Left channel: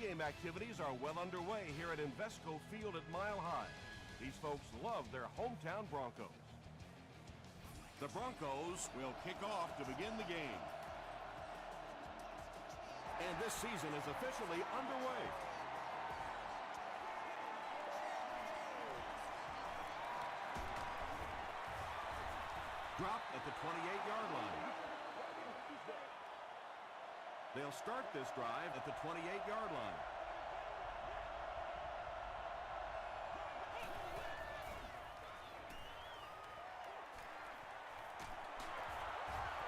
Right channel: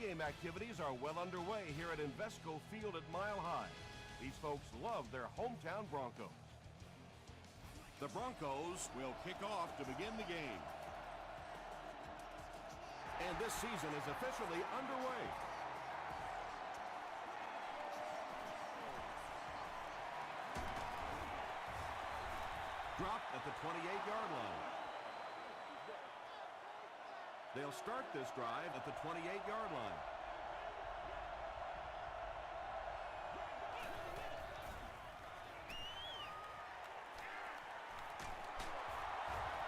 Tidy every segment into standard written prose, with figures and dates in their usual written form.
pregame activities are well underway here at Invesco Field at Mile High. These folks love their hometown Broncos. The Broncos will kick off to begin the game. And this season is officially underway. Dropped at the 28-yard line. They'll start this drive at the 28-yard line.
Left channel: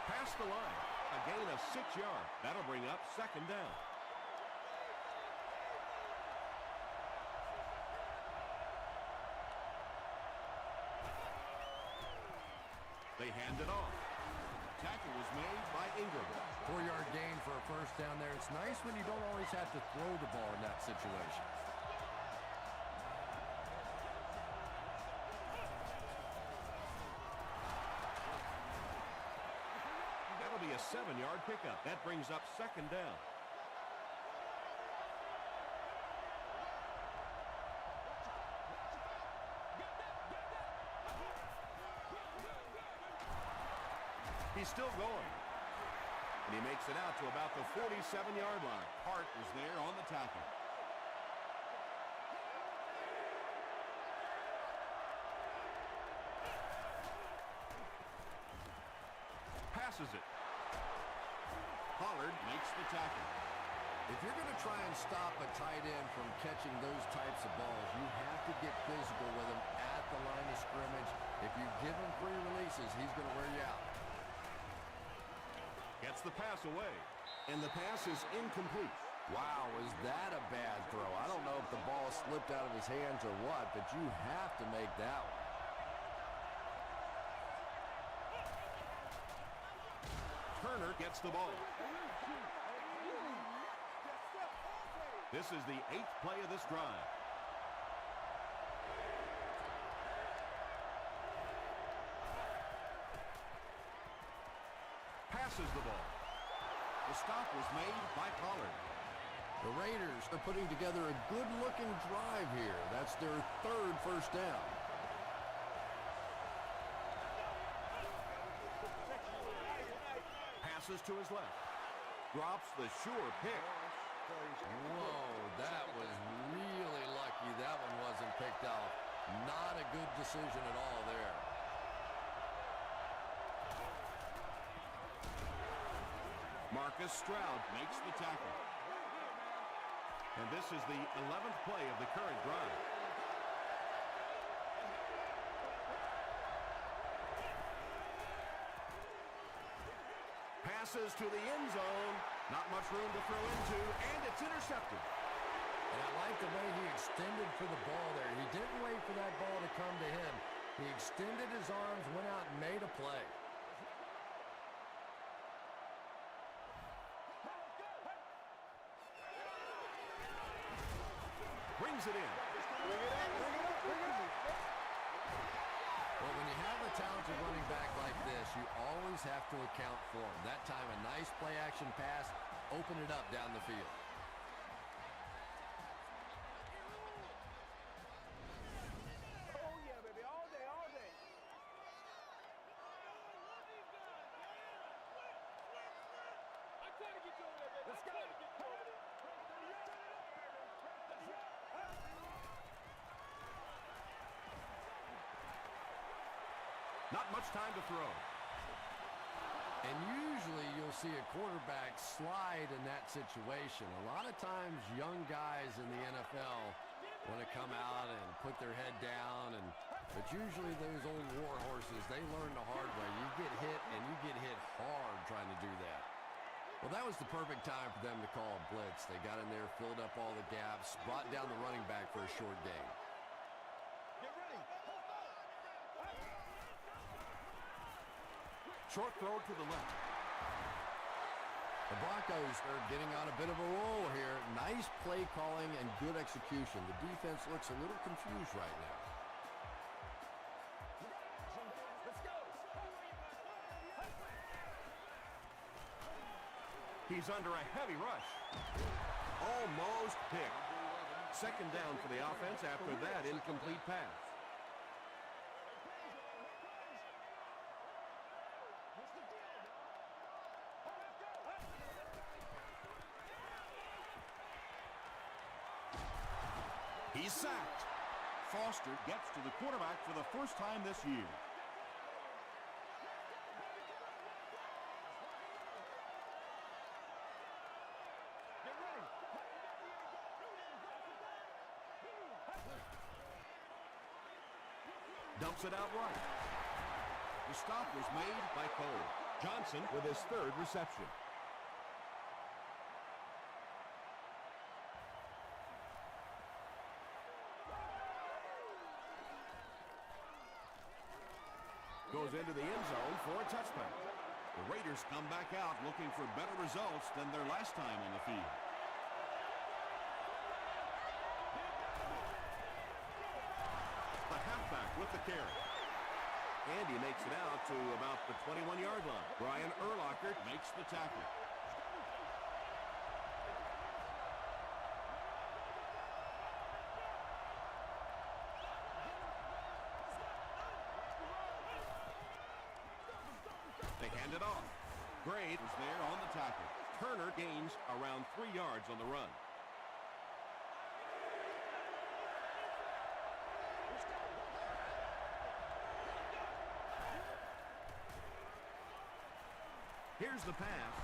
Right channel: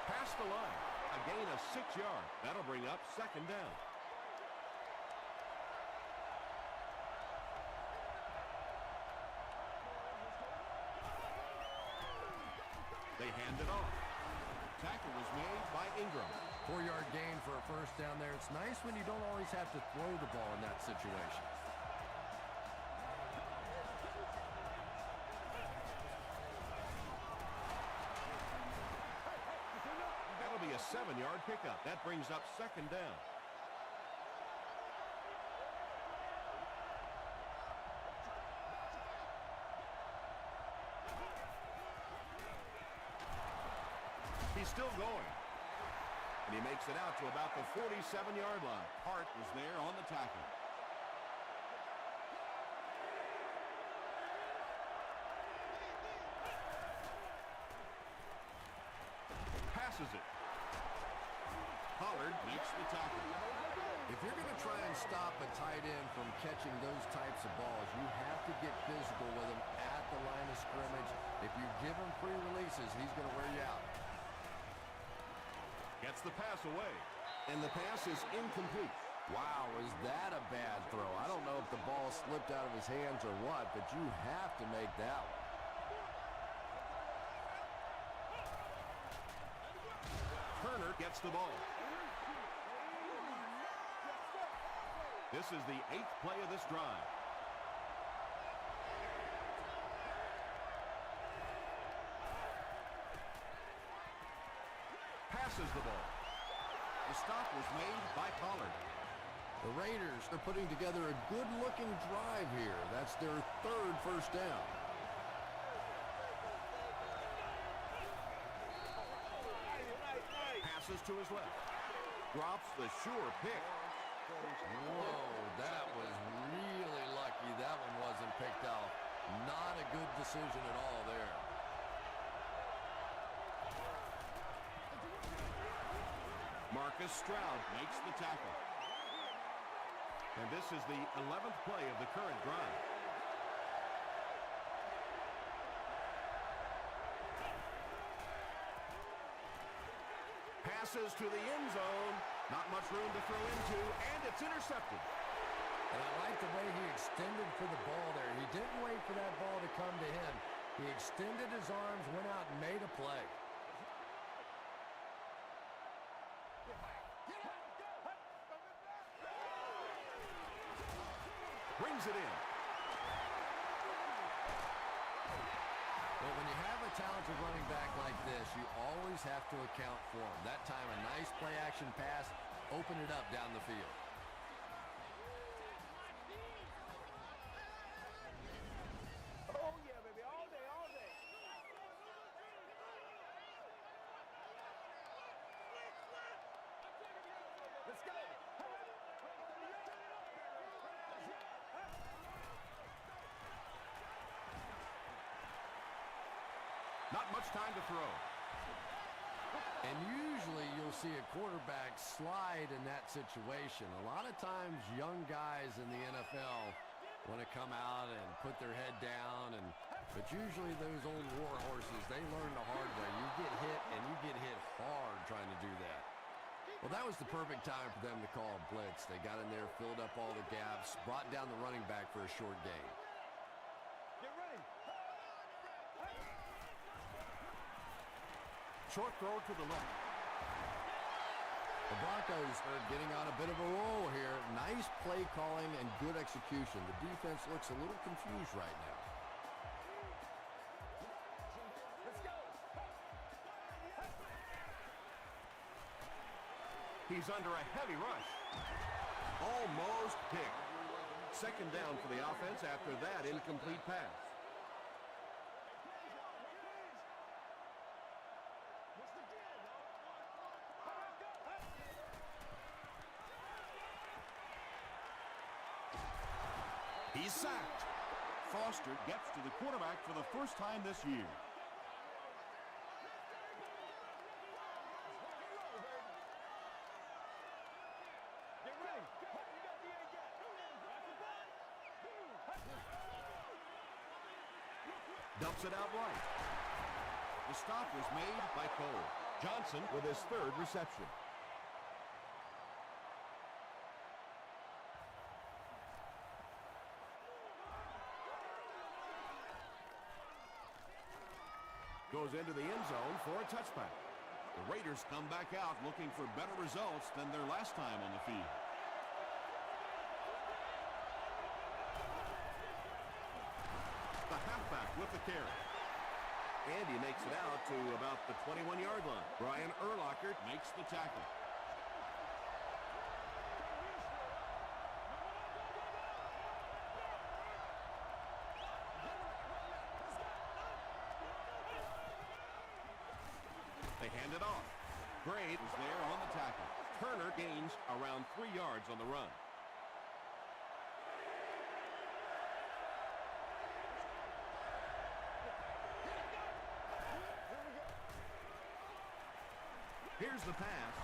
Past the line. A gain of 6 yards. That'll bring up second down. They hand it off. Tackle was made by Ingram. 4-yard gain for a first down there. It's nice when you don't always have to throw the ball in that situation. That'll be a 7-yard pickup. That brings up second down. He's still going. And he makes it out to about the 47-yard line. Hart was there on the tackle. Passes it. Pollard makes the tackle. If you're going to try and stop a tight end from catching those types of balls, you have to get physical with him at the line of scrimmage. If you give him free releases, he's going to wear you out. Gets the pass away. And the pass is incomplete. Wow, was that a bad throw? I don't know if the ball slipped out of his hands or what, but you have to make that one. Turner gets the ball. This is the 8th play of this drive. Passes the ball. The stop was made by Pollard. The Raiders are putting together a good-looking drive here. That's their 3rd first down. Passes to his left. Drops the sure pick. Whoa, that was really lucky that one wasn't picked off. Not a good decision at all there. Marcus Stroud makes the tackle. And this is the 11th play of the current drive. Passes to the end zone. Not much room to throw into, and it's intercepted. And I like the way he extended for the ball there. He didn't wait for that ball to come to him. He extended his arms, went out and made a play. Brings it in. Well, when you have a talented running back like this, you always have to account for him. That time, a nice play-action pass, open it up down the field. Oh, yeah, baby, all day, all day. I'm trying to get you over there, baby. Let's go. Let's turn it up, baby. Not much time to throw. And usually you'll see a quarterback slide in that situation. A lot of times young guys in the NFL want to come out and put their head down, but usually those old war horses, they learn the hard way. You get hit, and you get hit hard trying to do that. Well, that was the perfect time for them to call a blitz. They got in there, filled up all the gaps, brought down the running back for a short gain. Get ready. Short throw to the left. The Broncos are getting on a bit of a roll here. Nice play calling and good execution. The defense looks a little confused right now. Let's go. He's under a heavy rush. Almost picked. Second down for the offense after that incomplete pass. What's the deal, y'all? Let's go. He's sacked. Foster gets to the quarterback for the first time this year. Get ready. You got the A-gap. Dumps it out right. The stop was made by Cole. Johnson with his third reception. Goes into the end zone for a touchback. The Raiders come back out looking for better results than their last time on the field. The halfback with the carry. And he makes it out to about the 21-yard line. Brian Urlacher Makes the tackle. They hand it off. Gray Was there on the tackle. Turner gains around 3 yards on the run. Here's the pass.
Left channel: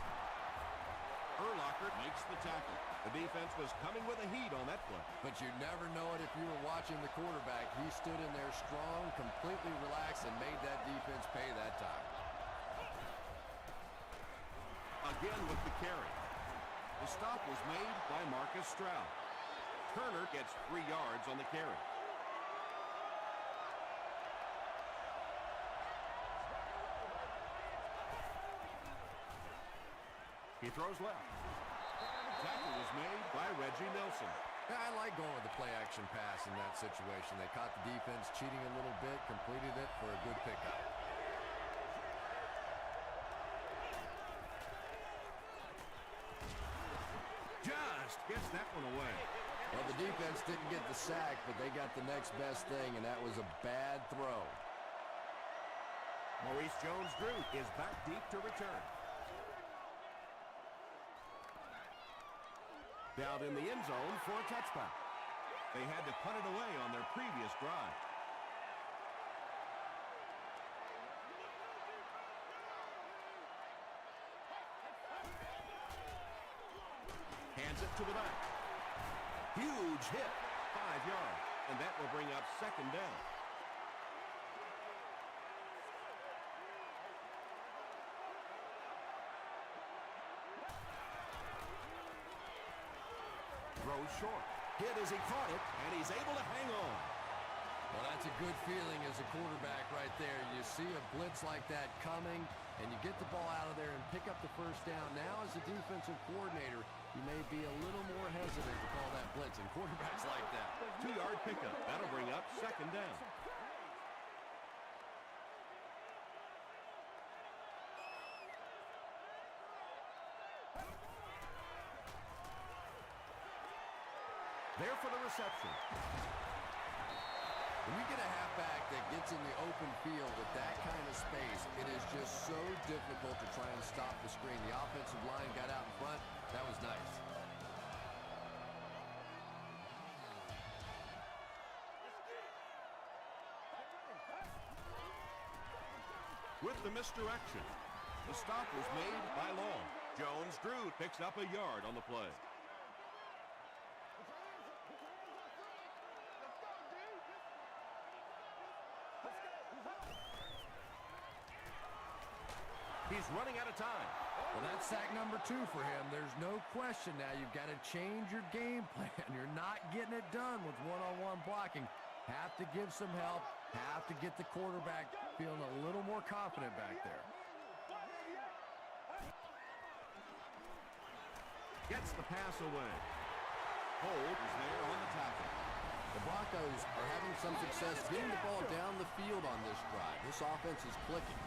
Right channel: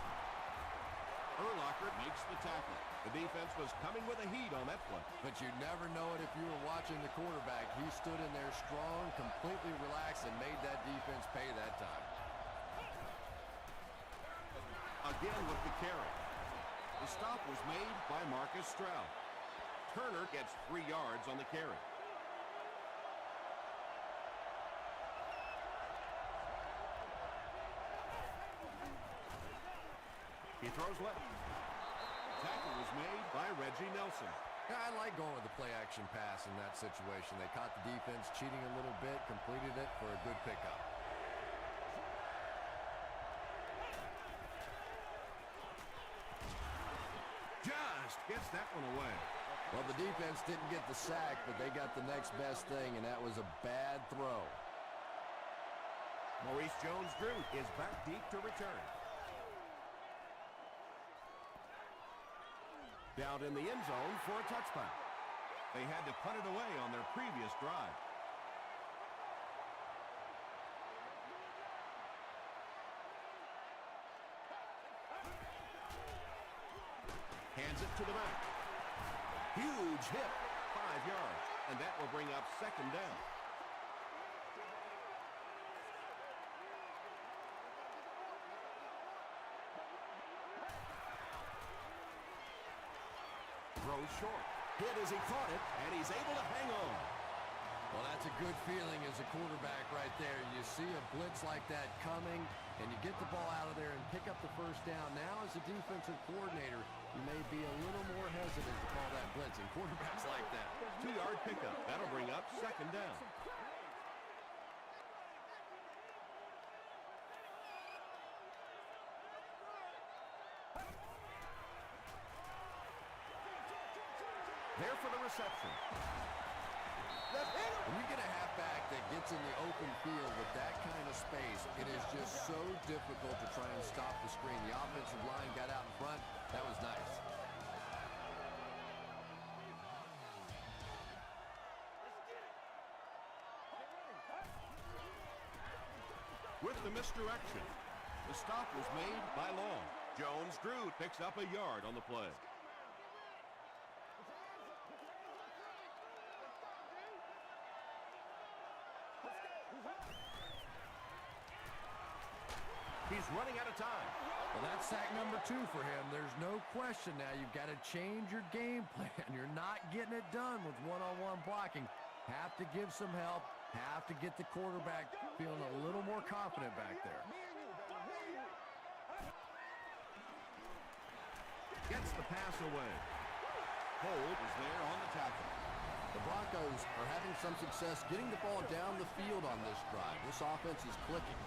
Urlacher Makes the tackle. The defense was coming with a heat on that play. But you never know it if you were watching the quarterback. He stood in there strong, completely relaxed, and made that defense pay that time. Again with the carry. The stop was made by Marcus Stroud. Turner gets 3 yards on the carry. He throws left. Tackle was made By Reggie Nelson. Yeah, I like going with the play-action pass in that situation. They caught the defense cheating a little bit, completed it for a good pickup. Just gets that one away. Well, the defense didn't get the sack, but they got the next best thing, and that was a bad throw. Maurice Jones-Drew is back deep to return. Down in the end zone for a touchback. They had to punt it away on their previous drive. Hands it to the back. Huge hit, 5 yards, and that will bring up second down. Throws short. Hit as he caught it, and he's able to hang on. Well, that's a good feeling as a quarterback right there. You see a blitz like that coming, and you get the ball out of there and pick up the first down. Now, as a defensive coordinator, you may be a little more hesitant to call that blitz, and quarterbacks like that. 2-yard pickup. That'll bring up second down. There for the reception. When you get a halfback that gets in the open field with that kind of space, it is just so difficult to try and stop the screen. The offensive line got out in front. That was nice. With the misdirection. The stop was made by Long. Jones-Drew picks up a yard on the play. He's running out of time. Well, that's sack number 2 for him. There's no question now. You've got to change your game plan. You're not getting it done with one-on-one blocking. Have to give some help. Have to get the quarterback feeling a little more confident back there. Gets the pass away. Hold is there on the tackle. The Broncos are having some success getting the ball down the field on this drive. This offense is clicking.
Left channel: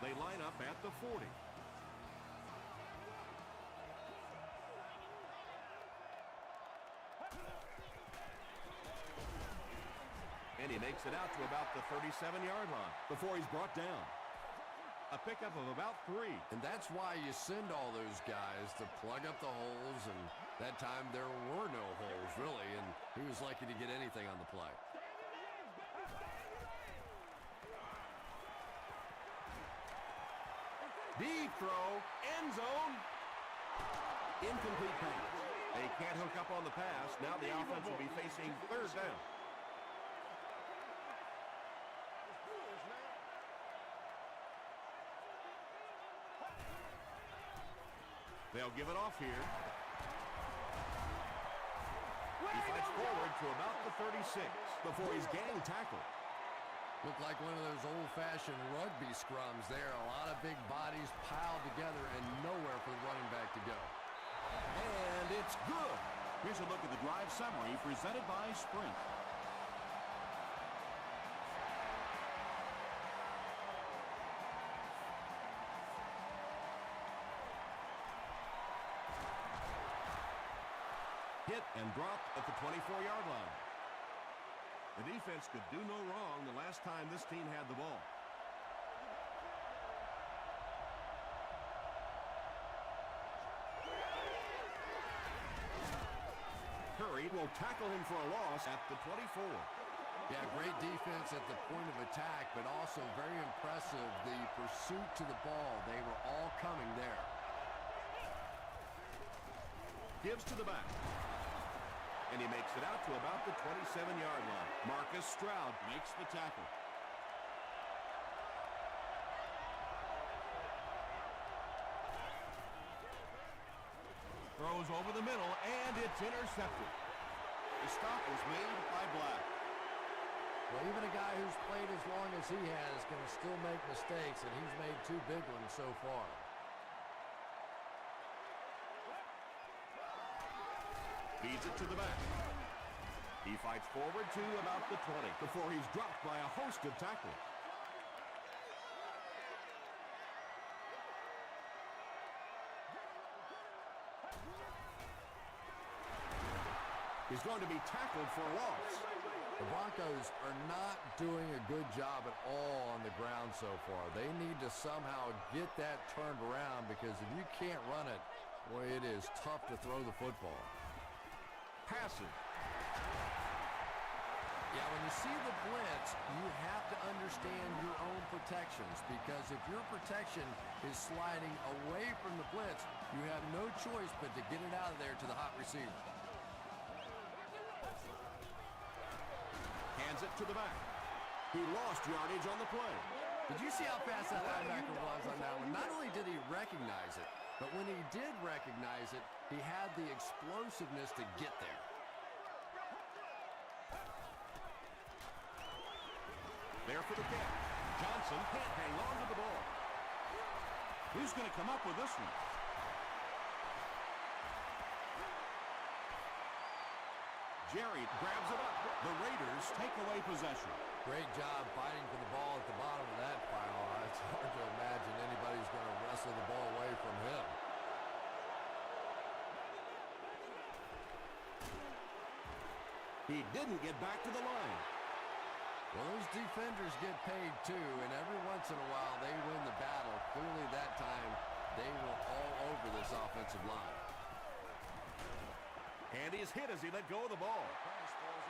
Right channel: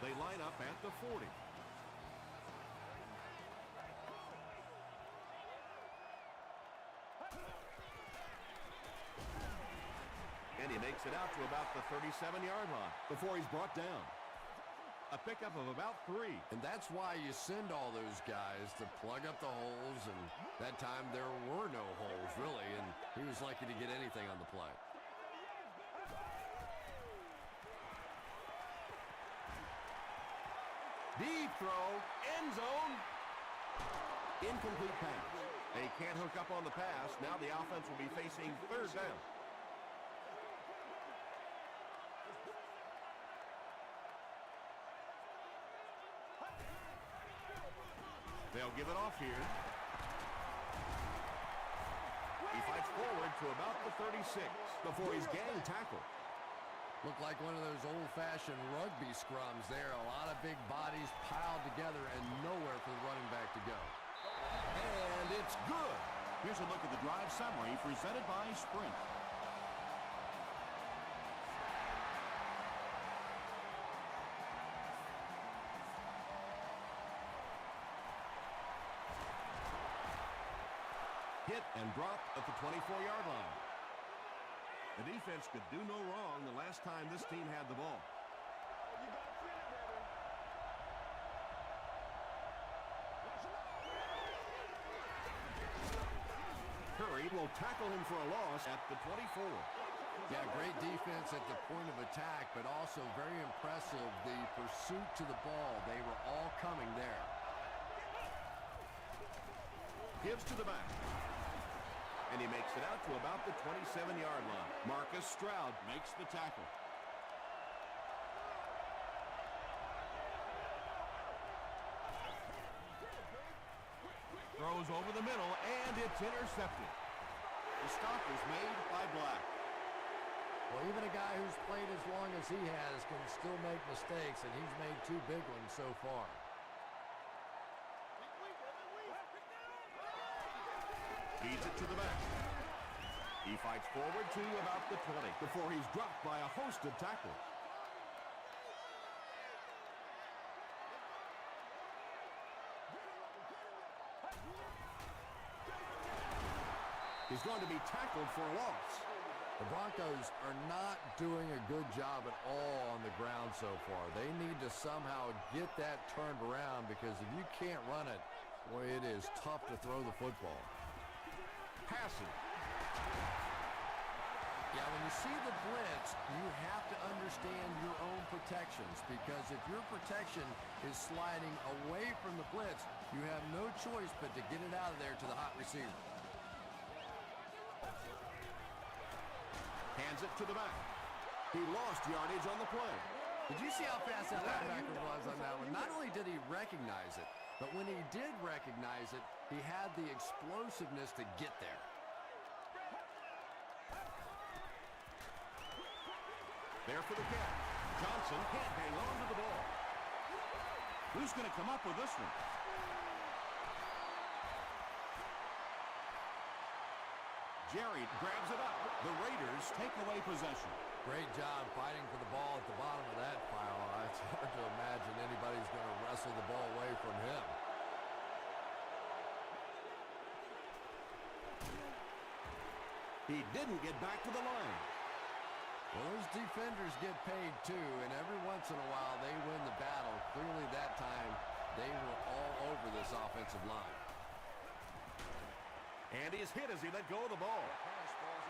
They line up at the 40. And he makes it out to about the 37-yard line before he's brought down. A pickup of about 3. And that's why you send all those guys to plug up the holes, and that time there were no holes, really, and he was lucky to get anything on the play. Deep throw, end zone. Incomplete pass. They can't hook up on the pass. Now the offense will be facing third down. They'll give it off here. He fights forward to about the 36 before he's gang tackled. Looked like one of those old-fashioned rugby scrums there. A lot of big bodies piled together and nowhere for the running back to go. And it's good. Here's a look at the drive summary presented by Sprint. Hit and dropped at the 24-yard line. The defense could do no wrong the last time this team had the ball. You gotta feel it, baby. Curry will tackle him for a loss at the 24. Yeah, great defense at the point of attack, but also very impressive, the pursuit to the ball. They were all coming there. Gives to the back. And he makes it out to about the 27-yard line. Marcus Stroud Makes the tackle. Throws over the middle, and it's intercepted. The stop was made by Black. Well, even a guy who's played as long as he has can still make mistakes, and he's made 2 big ones so far. feeds it to the back. He fights forward to about the 20 before he's dropped by a host of tacklers. He's going to be tackled for a loss. The Broncos are not doing a good job at all on the ground so far. They need to somehow get that turned around, because if you can't run it, boy, it is tough to throw the football. Passing. Yeah, when you see the blitz, you have to understand your own protections, because if your protection is sliding away from the blitz, you have no choice but to get it out of there to the hot receiver. Hands it to the back. He lost yardage on the play. Did you see how fast that linebacker was on that one? Not only did he recognize it, but when he did recognize it, he had the explosiveness to get there. There for the catch. Johnson can't hang on to the ball. Who's going to come up with this one? Jerry grabs it up. The Raiders take away possession. Great job fighting for the ball at the bottom of that pile. It's hard to imagine anybody's going to wrestle the ball away from him. He didn't get back to the line. Well, those defenders get paid too, and every once in a while they win the battle. Clearly that time they were all over this offensive line. And he's hit as he let go of the ball.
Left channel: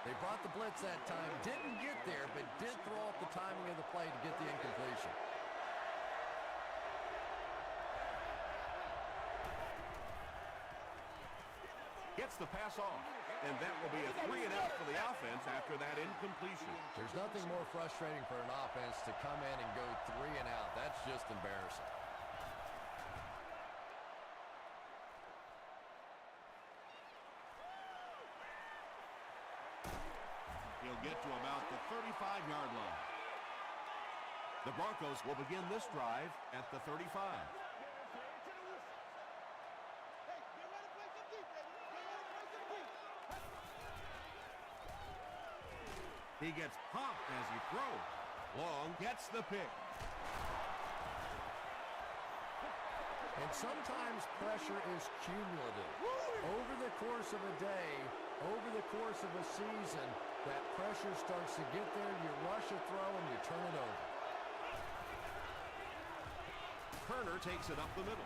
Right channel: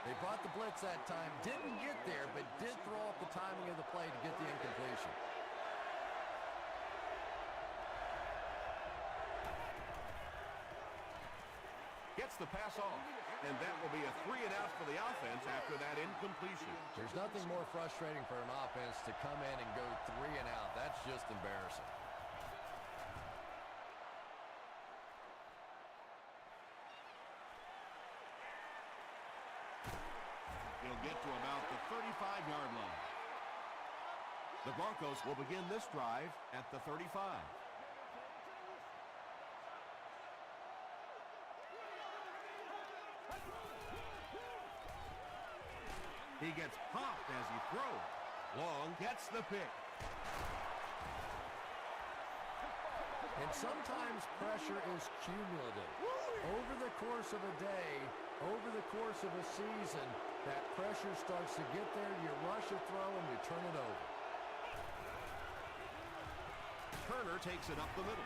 They brought the blitz that time, didn't get there, but did throw off the timing of the play to get the incompletion. Gets the pass off, and that will be a 3 and out for the offense after that incompletion. There's nothing more frustrating for an offense to come in and go 3 and out. That's just embarrassing. He'll get to about the 35-yard line. The Broncos will begin this drive at the 35. He gets popped as he throws. Long gets the pick. And sometimes pressure is cumulative. Over the course of a day, over the course of a season, That pressure starts to get there, you rush a throw, and you turn it over. Turner takes it up the middle.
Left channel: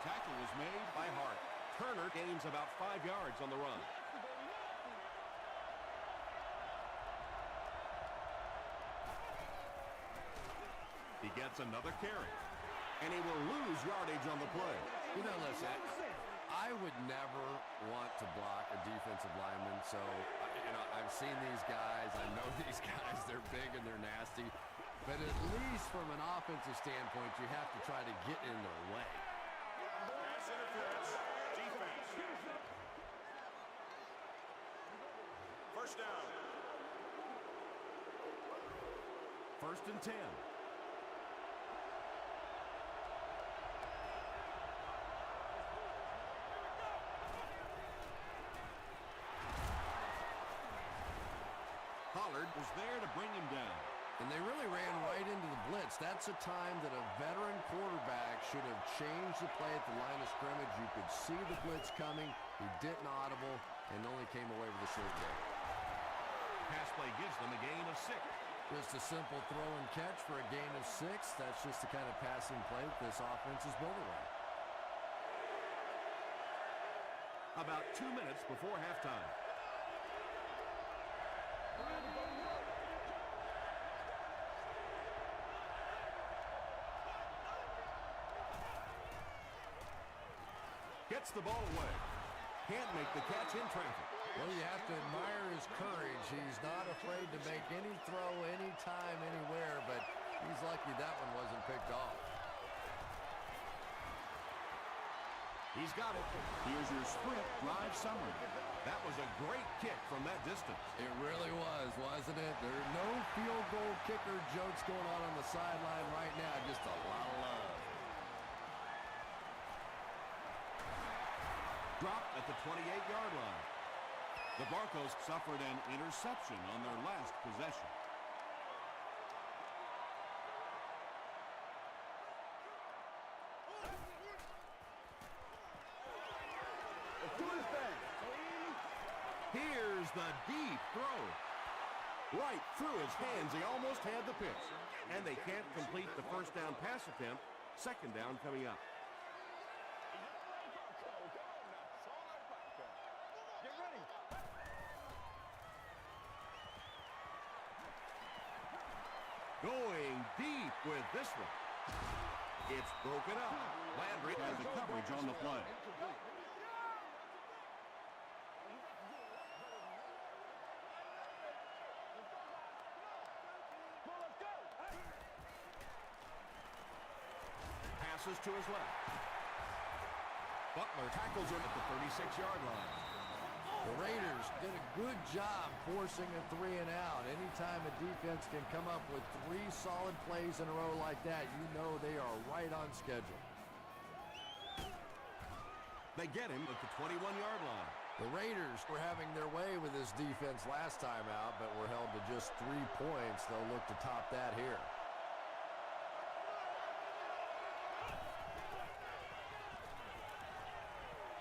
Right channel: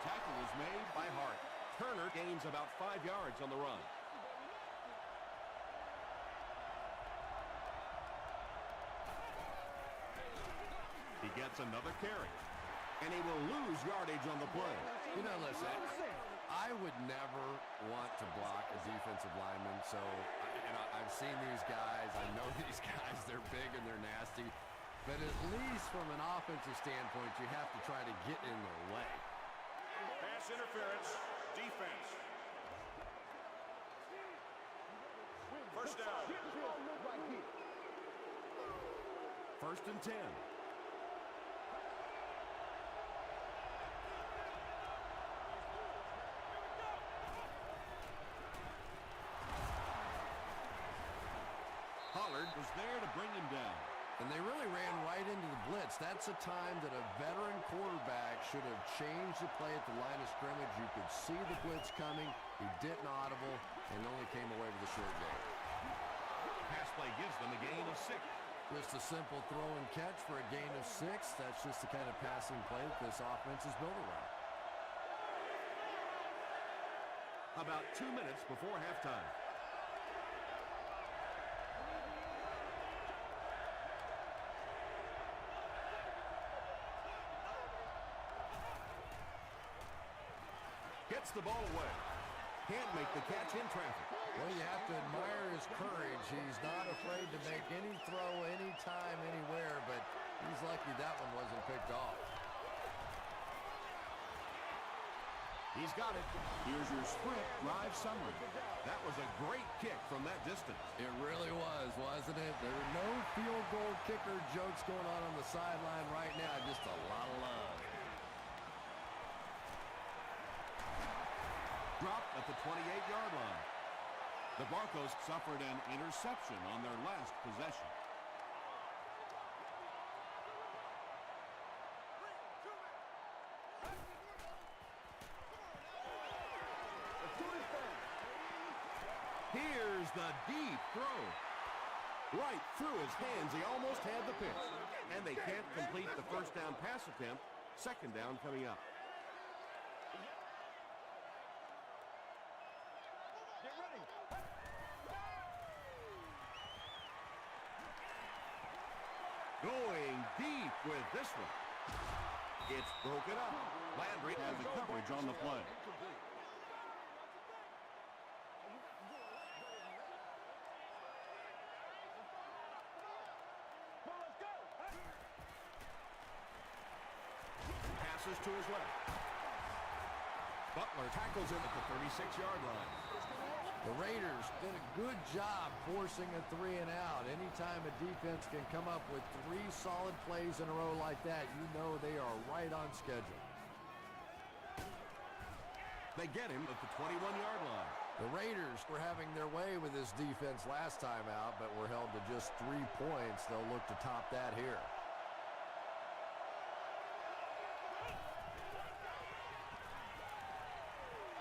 Tackle was made by Hart. Turner gains about 5 yards on the run. Nasty, baby, nasty. He gets another carry, and he will lose yardage on the play. You know, listen, I would never want to block a defensive lineman, so, I've seen these guys. I know these guys. They're big and they're nasty. But at least from an offensive standpoint, you have to try to get in their way. Pass interference. Defense. First and 10. Pollard was there to bring him down. And they really ran right into the blitz. That's a time that a veteran quarterback should have changed the play at the line of scrimmage. You could see the blitz coming. He didn't audible and only came away with a short gain. Pass play gives them a gain of 6. Just a simple throw and catch for a gain of 6. That's just the kind of passing play that this offense is built around. About 2 minutes before halftime. Gets the ball away. Can't make the catch in traffic. Well, you have to admire his courage. He's not afraid to make any throw, anytime, anywhere, but he's lucky that one wasn't picked off. He's got it. Here's your sprint drive summary. That was a great kick from that distance. It really was, wasn't it? There are no field goal kicker jokes going on the sideline right now. Just a lot of love. Dropped at the 28-yard line. The Broncos suffered an interception on their last possession. Let's do this thing. Here's the deep throw. Right through his hands. He almost had the pitch. And they can't complete the first down pass attempt. Second down coming up. Get ready. Going deep with this one. It's broken up. Landry has a coverage on the play. Passes to his left. Butler tackles him at the 36-yard line. The Raiders did a good job forcing a 3 and out. Anytime a defense can come up with 3 solid plays in a row like that, you know they are right on schedule. They get him at the 21-yard line. The Raiders were having their way with this defense last time out, but were held to just 3 points. They'll look to top that here.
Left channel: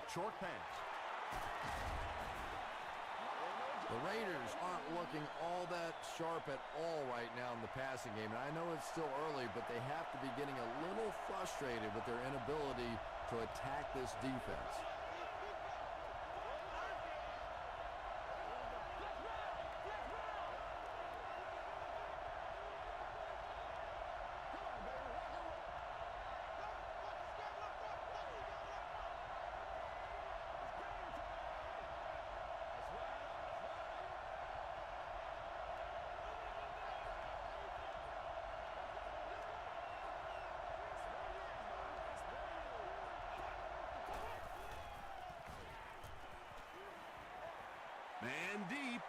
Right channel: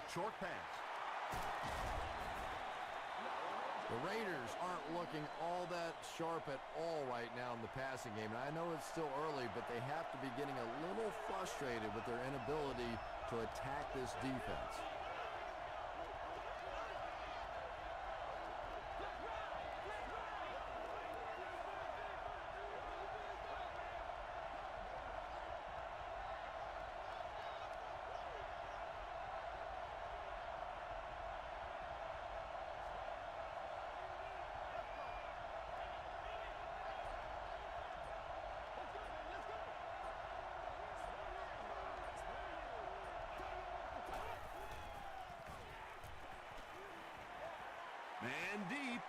Short pass. The Raiders aren't looking all that sharp at all right now in the passing game. And I know it's still early, but they have to be getting a little frustrated with their inability to attack this defense. Man deep.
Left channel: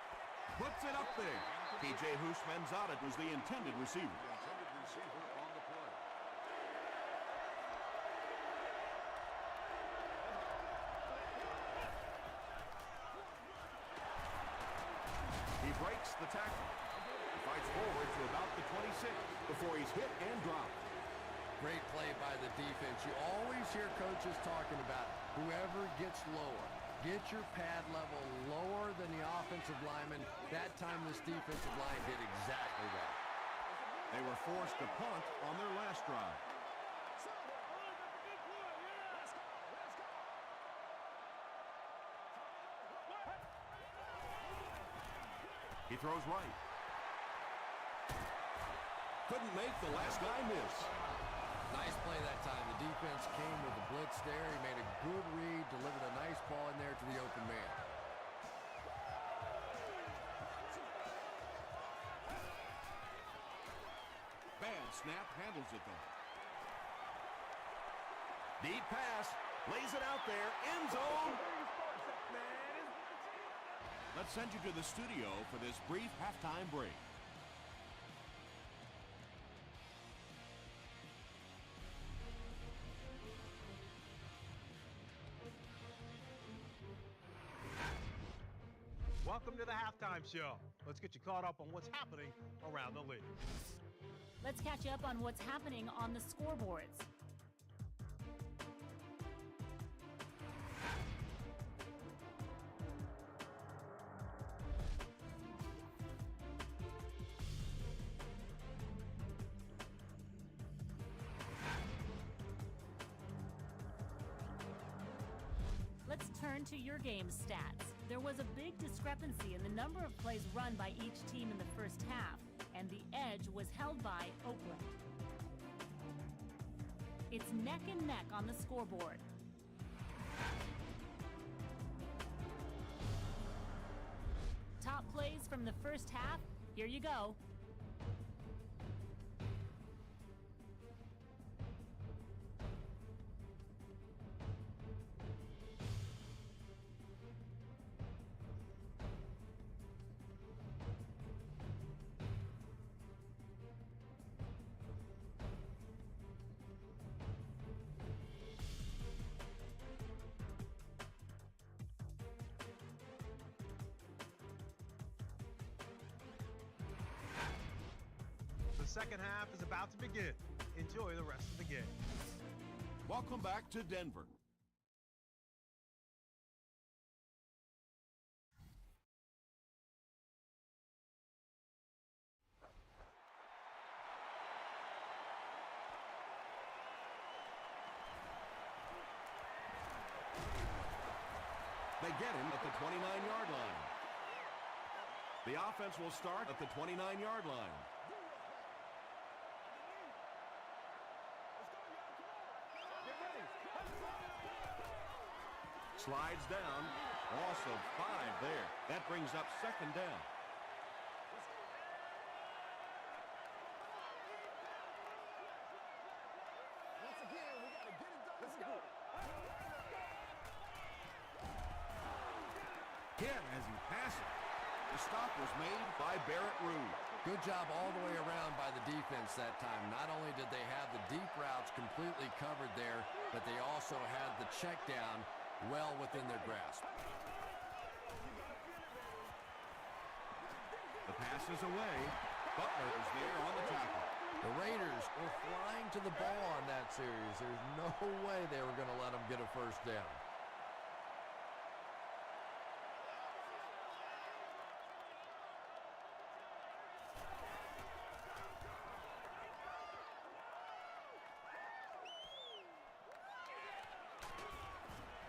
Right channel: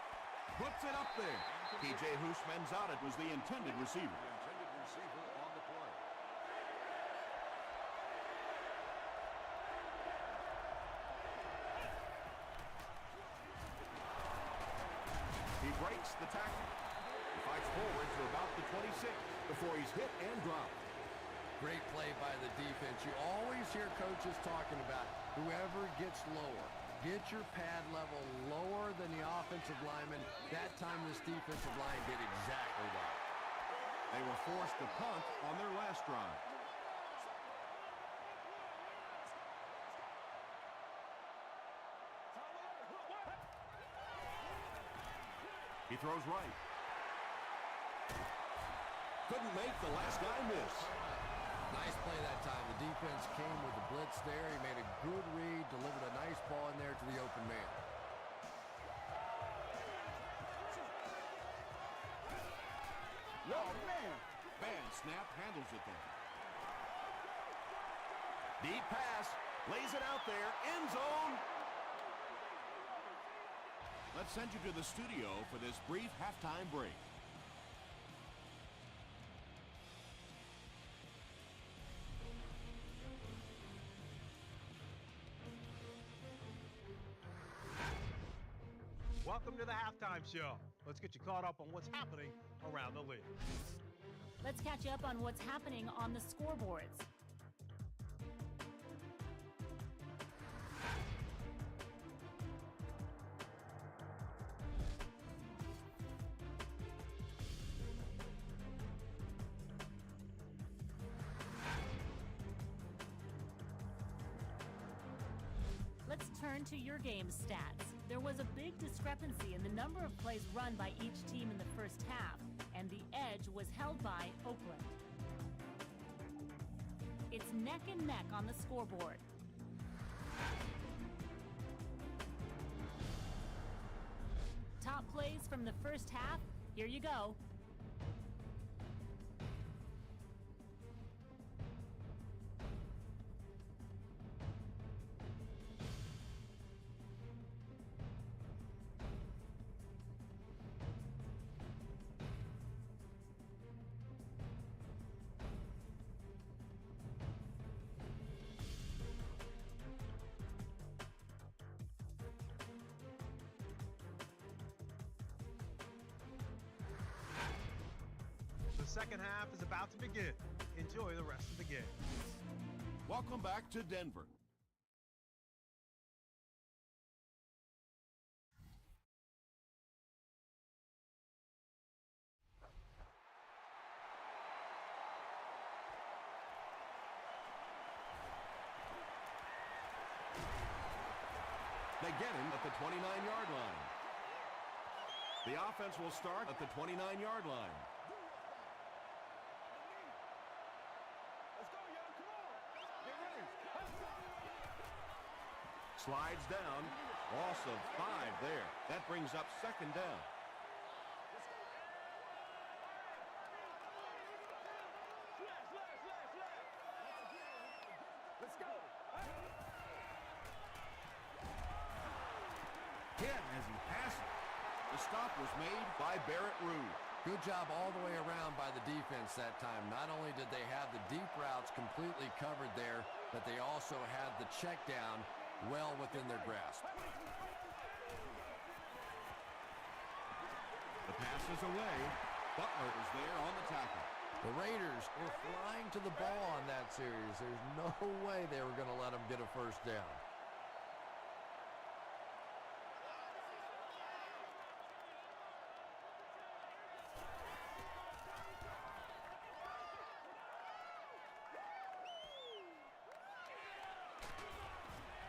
Puts it up there. P.J. Houshmandzadeh was the intended receiver. He breaks the tackle. He fights forward to about the 26 before he's hit and dropped. Great play by the defense. You always hear coaches talking about whoever gets lower. Get your pad level lower than the offensive lineman. That time this defensive line did exactly that. They were forced to punt on their last drive. He throws right. Couldn't make the last guy miss. Nice play that time. The defense came with the blitz there. He made a good read, delivered a nice ball in there to the open man. Bad snap, handles it though. Deep pass. Lays it out there. End zone. Let's send you to the studio for this brief halftime break. Welcome to the halftime show. Let's get you caught up on what's happening around the league. Let's catch you up on what's happening on the scoreboards. Let's turn to your game stats. There was a big discrepancy in the number of plays run by each team in the first half, and the edge was held by Oakland. It's neck and neck on the scoreboard. Top plays from the first half, here you go. The second half is about to begin. Enjoy the rest of the game. Welcome back to Denver. They get him at the 29-yard line. The offense will start at the 29-yard line. Slides down. Loss of 5 there. That brings up second down. Once again, we got to get it done. Let's go. Hit as he passes. The stop was made by Barrett Rude. Good job all the way around by the defense that time. Not only did they have the deep routes completely covered there, but they also had the check down well within their grasp. The pass is away. Butler is there on the tackle. The Raiders were flying to the ball on that series. There's no way they were going to let them get a first down.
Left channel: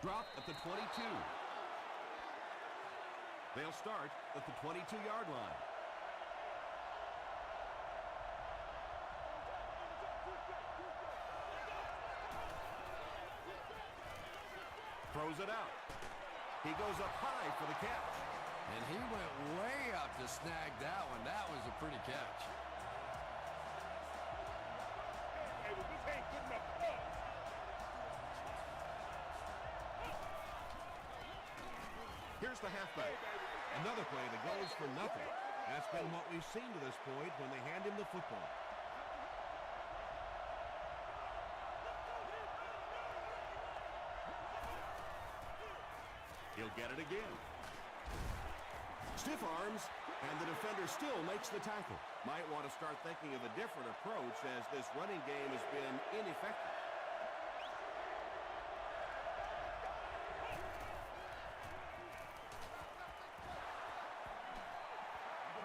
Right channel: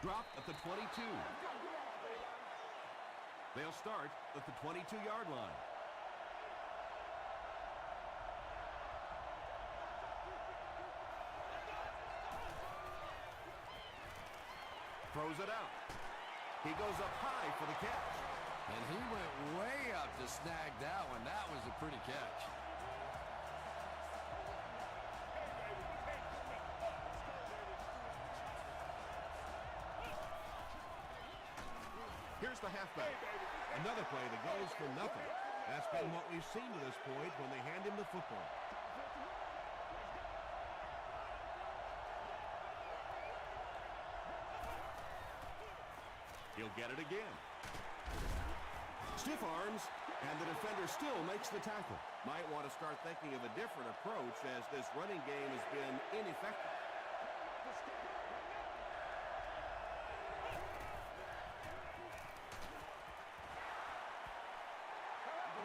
Dropped at the 22. They'll start at the 22-yard line. Throws it out. He goes up high for the catch. And he went way up to snag that one. That was a pretty catch. Hey, baby, this ain't good enough for us. Here's the halfback. Another play that goes for nothing. That's been what we've seen to this point when they hand him the football. He'll get it again. Stiff arms, and the defender still makes the tackle. Might want to start thinking of a different approach as this running game has been ineffective.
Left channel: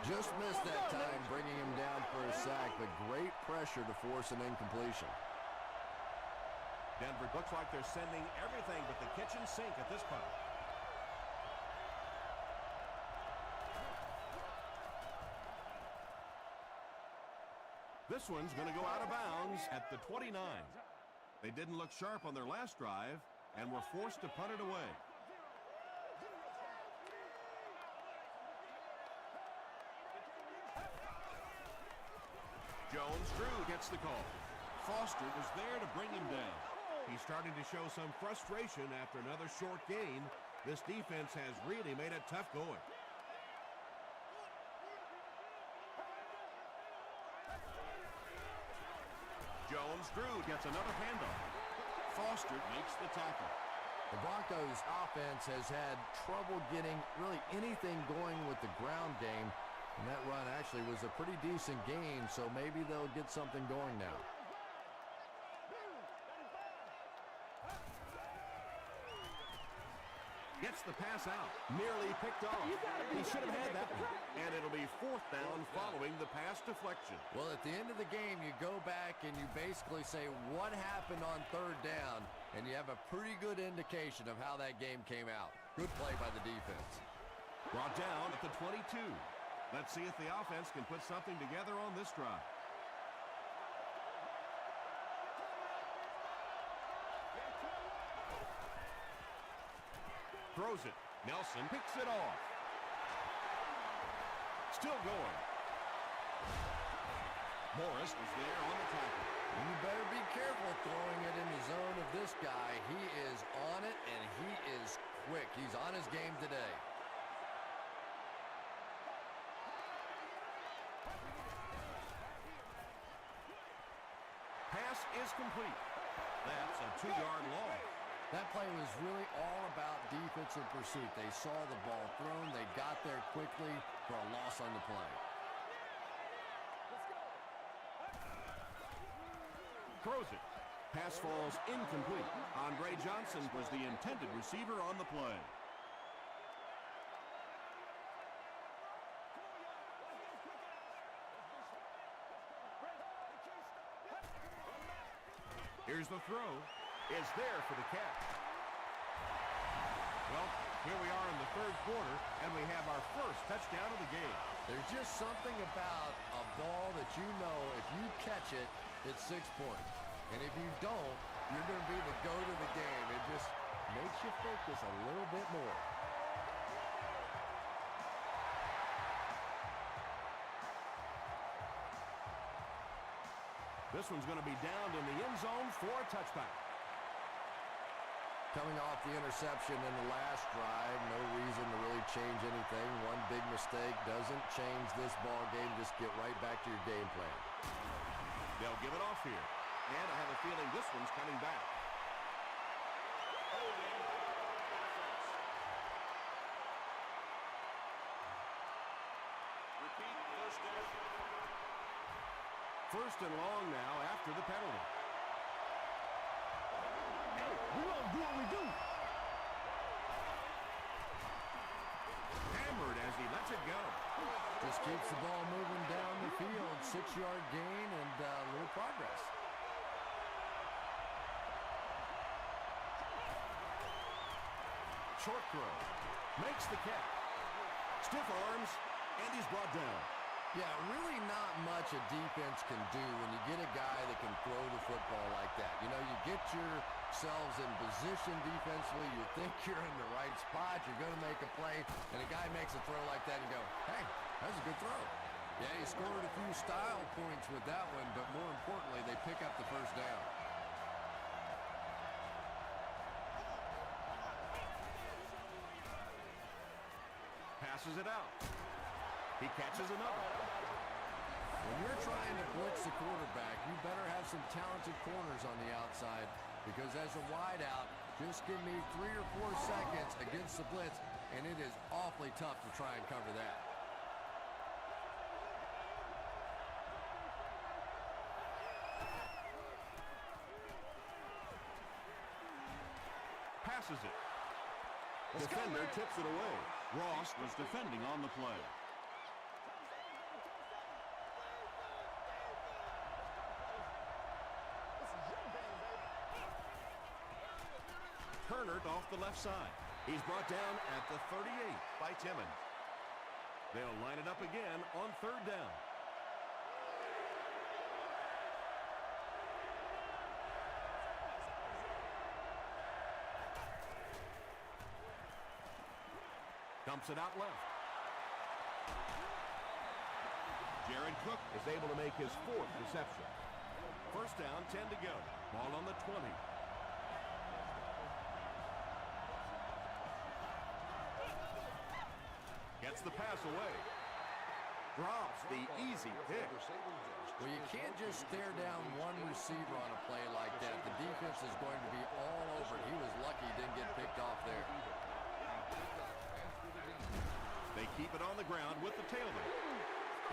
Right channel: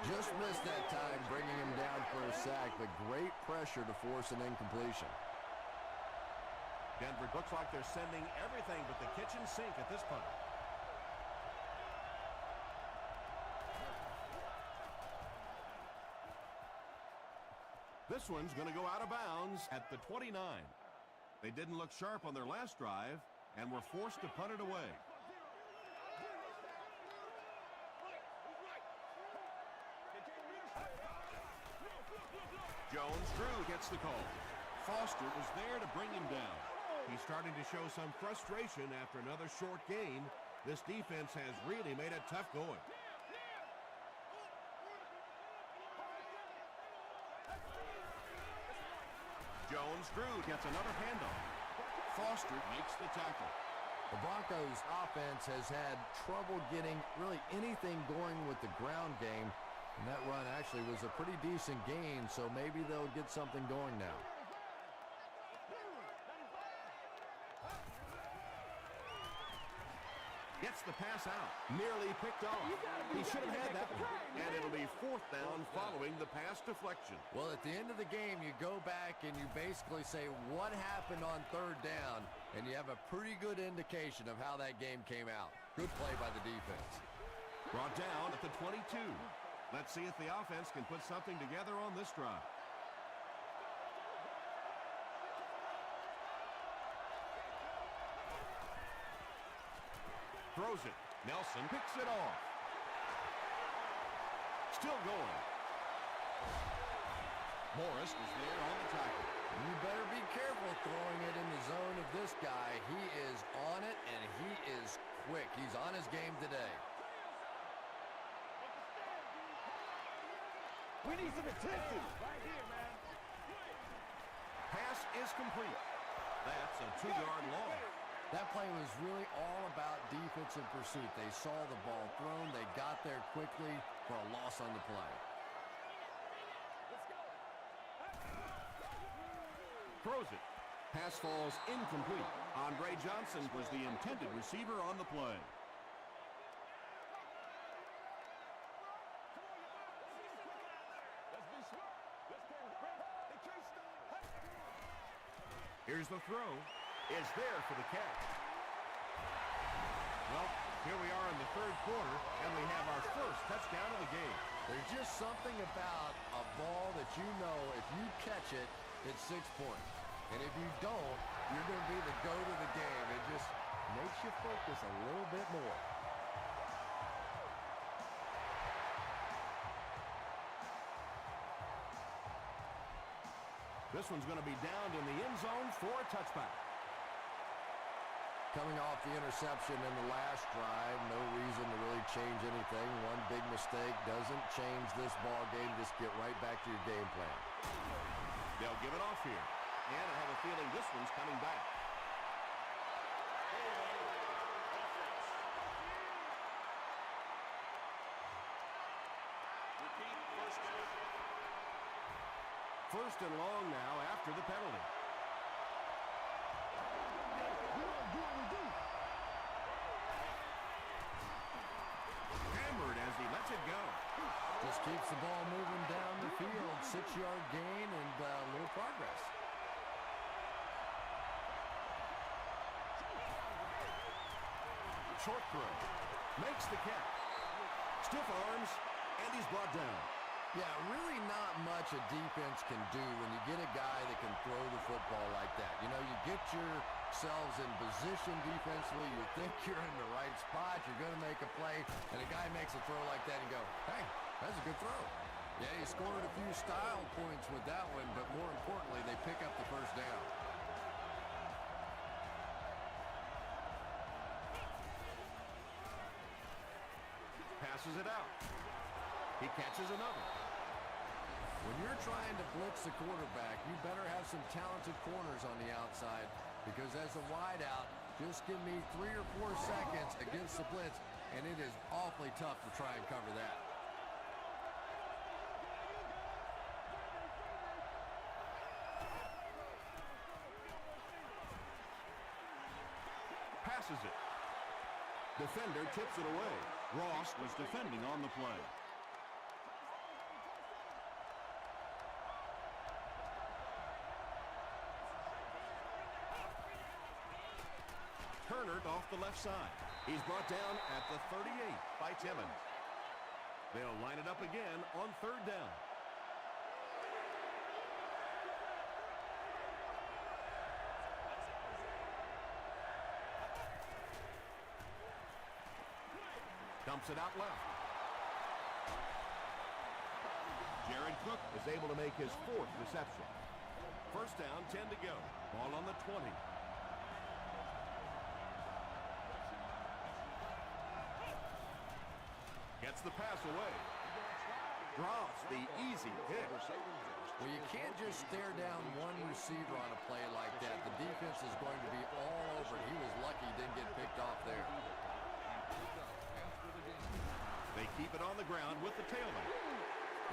Just missed that time, bringing him down for a sack, but great pressure to force an incompletion. Denver looks like they're sending everything but the kitchen sink at this punt. This one's going to go out of bounds at the 29. They didn't look sharp on their last drive and were forced to punt it away. Jones-Drew gets the call. Foster was there to bring him down. He's starting to show some frustration after another short gain. This defense has really made it tough going. Jones-Drew gets another handoff. Foster makes the tackle. The Broncos offense has had trouble getting really anything going with the ground game. And that run actually was a pretty decent gain, so maybe they'll get something going now. Gets the pass out. Nearly picked off. He should have had that one. And it'll be 4th down following the pass deflection. Well, at the end of the game, you go back and you basically say what happened on 3rd down, and you have a pretty good indication of how that game came out. Good play by the defense. Brought down at the 22. Let's see if the offense can put something together on this drive. Throws it. Nelson picks it off. Still going. Morris was there on the tackle. You better be careful throwing it in the zone of this guy. He is on it, and he is quick. He's on his game today. Pass is complete. That's a 2-yard loss. That play was really all about defensive pursuit. They saw the ball thrown. They got there quickly for a loss on the play. Throws it. Pass falls incomplete. Andre Johnson was the intended receiver on the play. Here's the throw. Is there for the catch. Well, here we are in the 3rd quarter, and we have our first touchdown of the game. There's just something about a ball that you know if you catch it, it's 6 points. And if you don't, you're going to be the GOAT of the game. It just makes you focus a little bit more. This one's going to be downed in the end zone for a touchback. Coming off the interception in the last drive, no reason to really change anything. One big mistake doesn't change this ball game. Just get right back to your game plan. They'll give it off here. And I have a feeling this one's coming back. Holding offense. Repeat, 1st down. 1st and long now after the penalty. Hey, we don't do what we do. Hammered as he lets it go. Just keeps the ball moving down the field. 6-yard gain and a little progress. Short throw. Makes the catch. Stiff arms, and he's brought down. Yeah, really not much a defense can do when you get a guy that can throw the football like that. You know, you get yourselves in position defensively. You think you're in the right spot. You're going to make a play, and a guy makes a throw like that, and you go, hey, that's a good throw. Yeah, he scored a few style points with that one, but more importantly, they pick up the 1st down. Passes it out. He catches another. When you're trying to blitz the quarterback, you better have some talented corners on the outside, because as a wideout, just give me 3 or 4 seconds against the blitz, and it is awfully tough to try and cover that. Passes it. Defender tips it away. Ross was defending on the play. off the left side. He's brought down at the 38 by Timmons. They'll line it up again on third down. Dumps it out left. Jared Cook is able to make his 4th reception. First down, 10 to go. Ball on the 20. Gets the pass away. Drops the easy pick. Well, you can't just stare down one receiver on a play like that. The defense is going to be all over it. He was lucky he didn't get picked off there. They keep it on the ground with the tailback.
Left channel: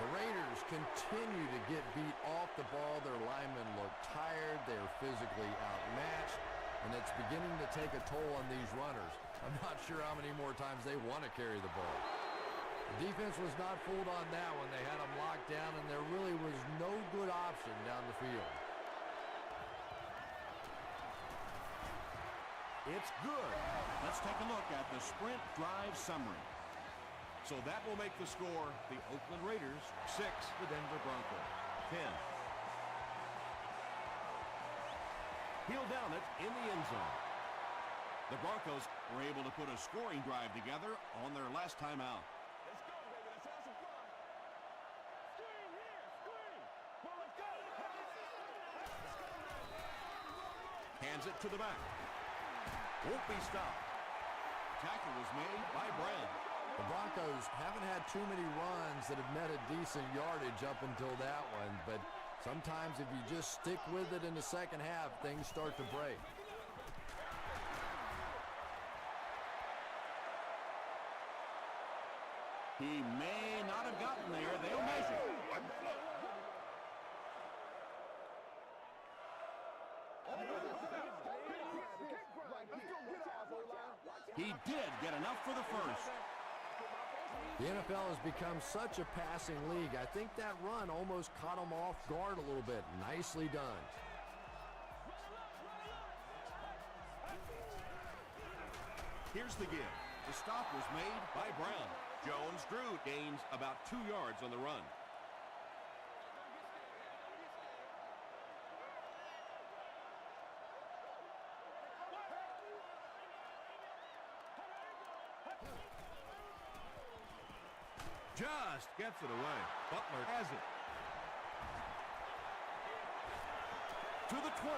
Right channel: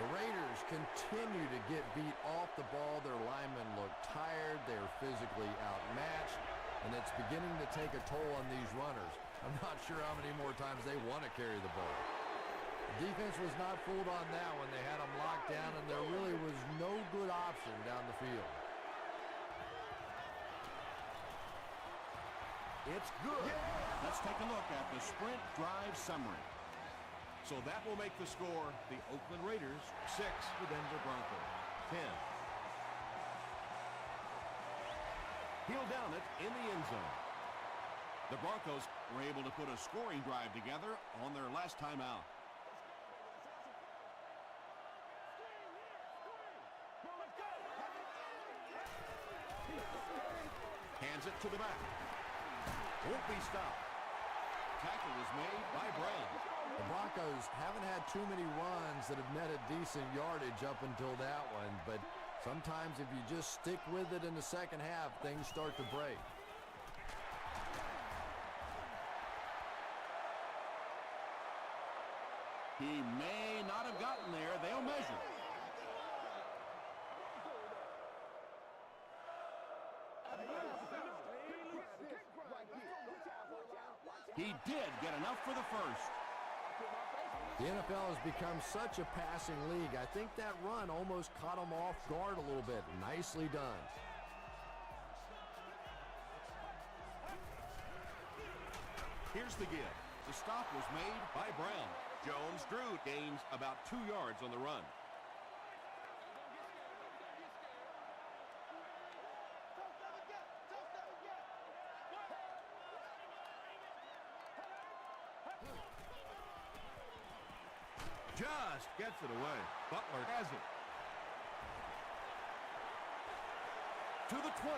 The Raiders continue to get beat off the ball. Their linemen look tired. They're physically outmatched, and it's beginning to take a toll on these runners. I'm not sure how many more times they want to carry the ball. The defense was not fooled on that one. They had them locked down, and there really was no good option down the field. It's good. Let's take a look at the sprint drive summary. So that will make the score the Oakland Raiders 6, the Denver Broncos 10. He'll down it in the end zone. The Broncos were able to put a scoring drive together on their last time out. Let's go, baby. Let's have some fun. Screen here. Screen. Well, let's go. Hands it to the back. Won't be stopped. Tackle was made by Brown. The Broncos haven't had too many runs that have netted decent yardage up until that one, but sometimes if you just stick with it in the second half, things start to break. He may not have gotten there. They'll measure. He did get enough for the first. The NFL has become such a passing league. I think that run almost caught him off guard a little bit. Nicely done. Here's the give. The stop was made by Brown. Jones drew, gains about 2 yards on the run. Just gets it away. Butler has it. To the 20.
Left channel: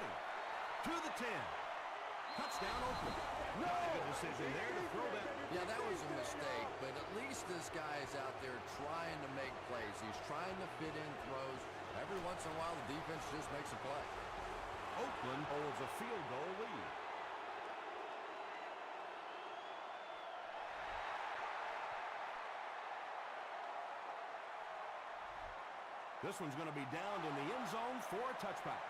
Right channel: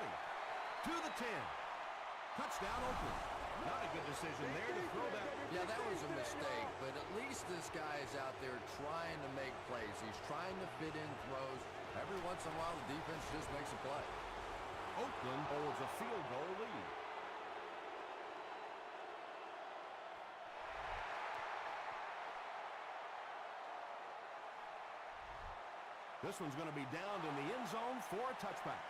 To the 10. Touchdown Oakland. Not a good decision there to throw that. Yeah, that was a mistake, but at least this guy is out there trying to make plays. He's trying to fit in throws. Every once in a while, the defense just makes a play. Oakland holds a field goal lead. This one's going to be downed in the end zone for a touchback.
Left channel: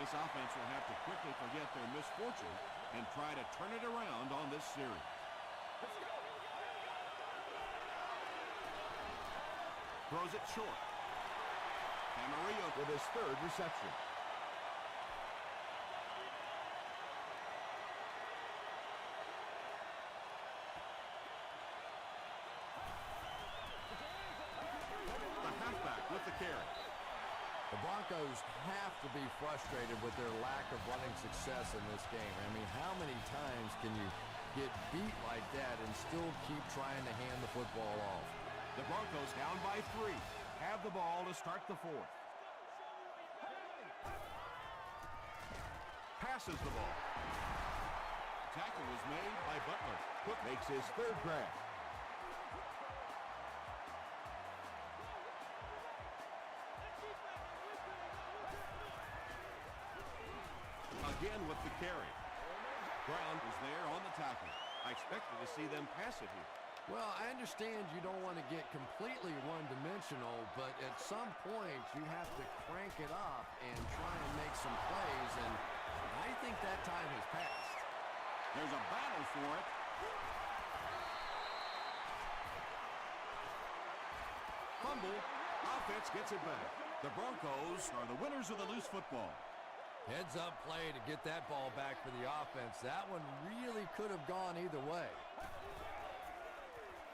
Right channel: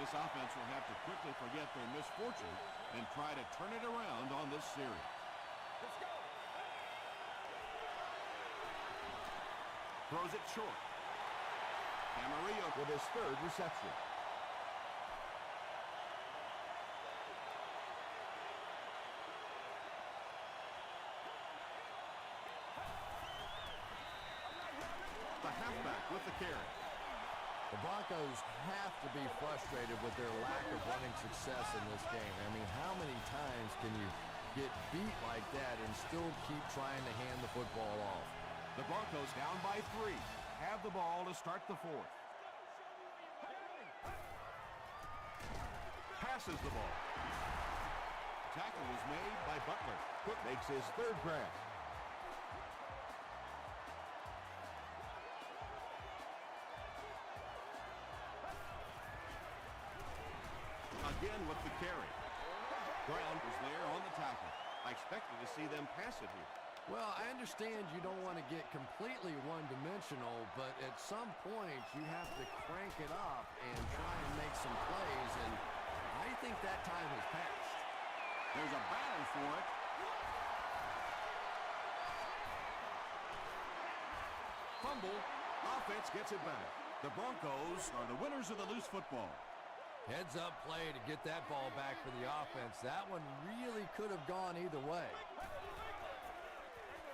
This offense will have to quickly forget their misfortune and try to turn it around on this series. Let's go. Throws it short. Camarillo with his 3rd reception. The halfback with the carry. The Broncos have to be frustrated with their lack of running success in this game. I mean, how many times can you get beat like that and still keep trying to hand the football off? The Broncos down by 3. Have the ball to start the 4th. Passes the ball. Tackle was made by Butler. Cook makes his 3rd grab. Again with the carry. Brown was there on the tackle. I expected to see them pass it here. Well, I understand you don't want to get completely one-dimensional, but at some point you have to crank it up and try and make some plays, and I think that time has passed. There's a battle for it. Fumble. Offense gets it back. The Broncos are the winners of the loose football. Heads-up play to get that ball back for the offense. That one really could have gone either way.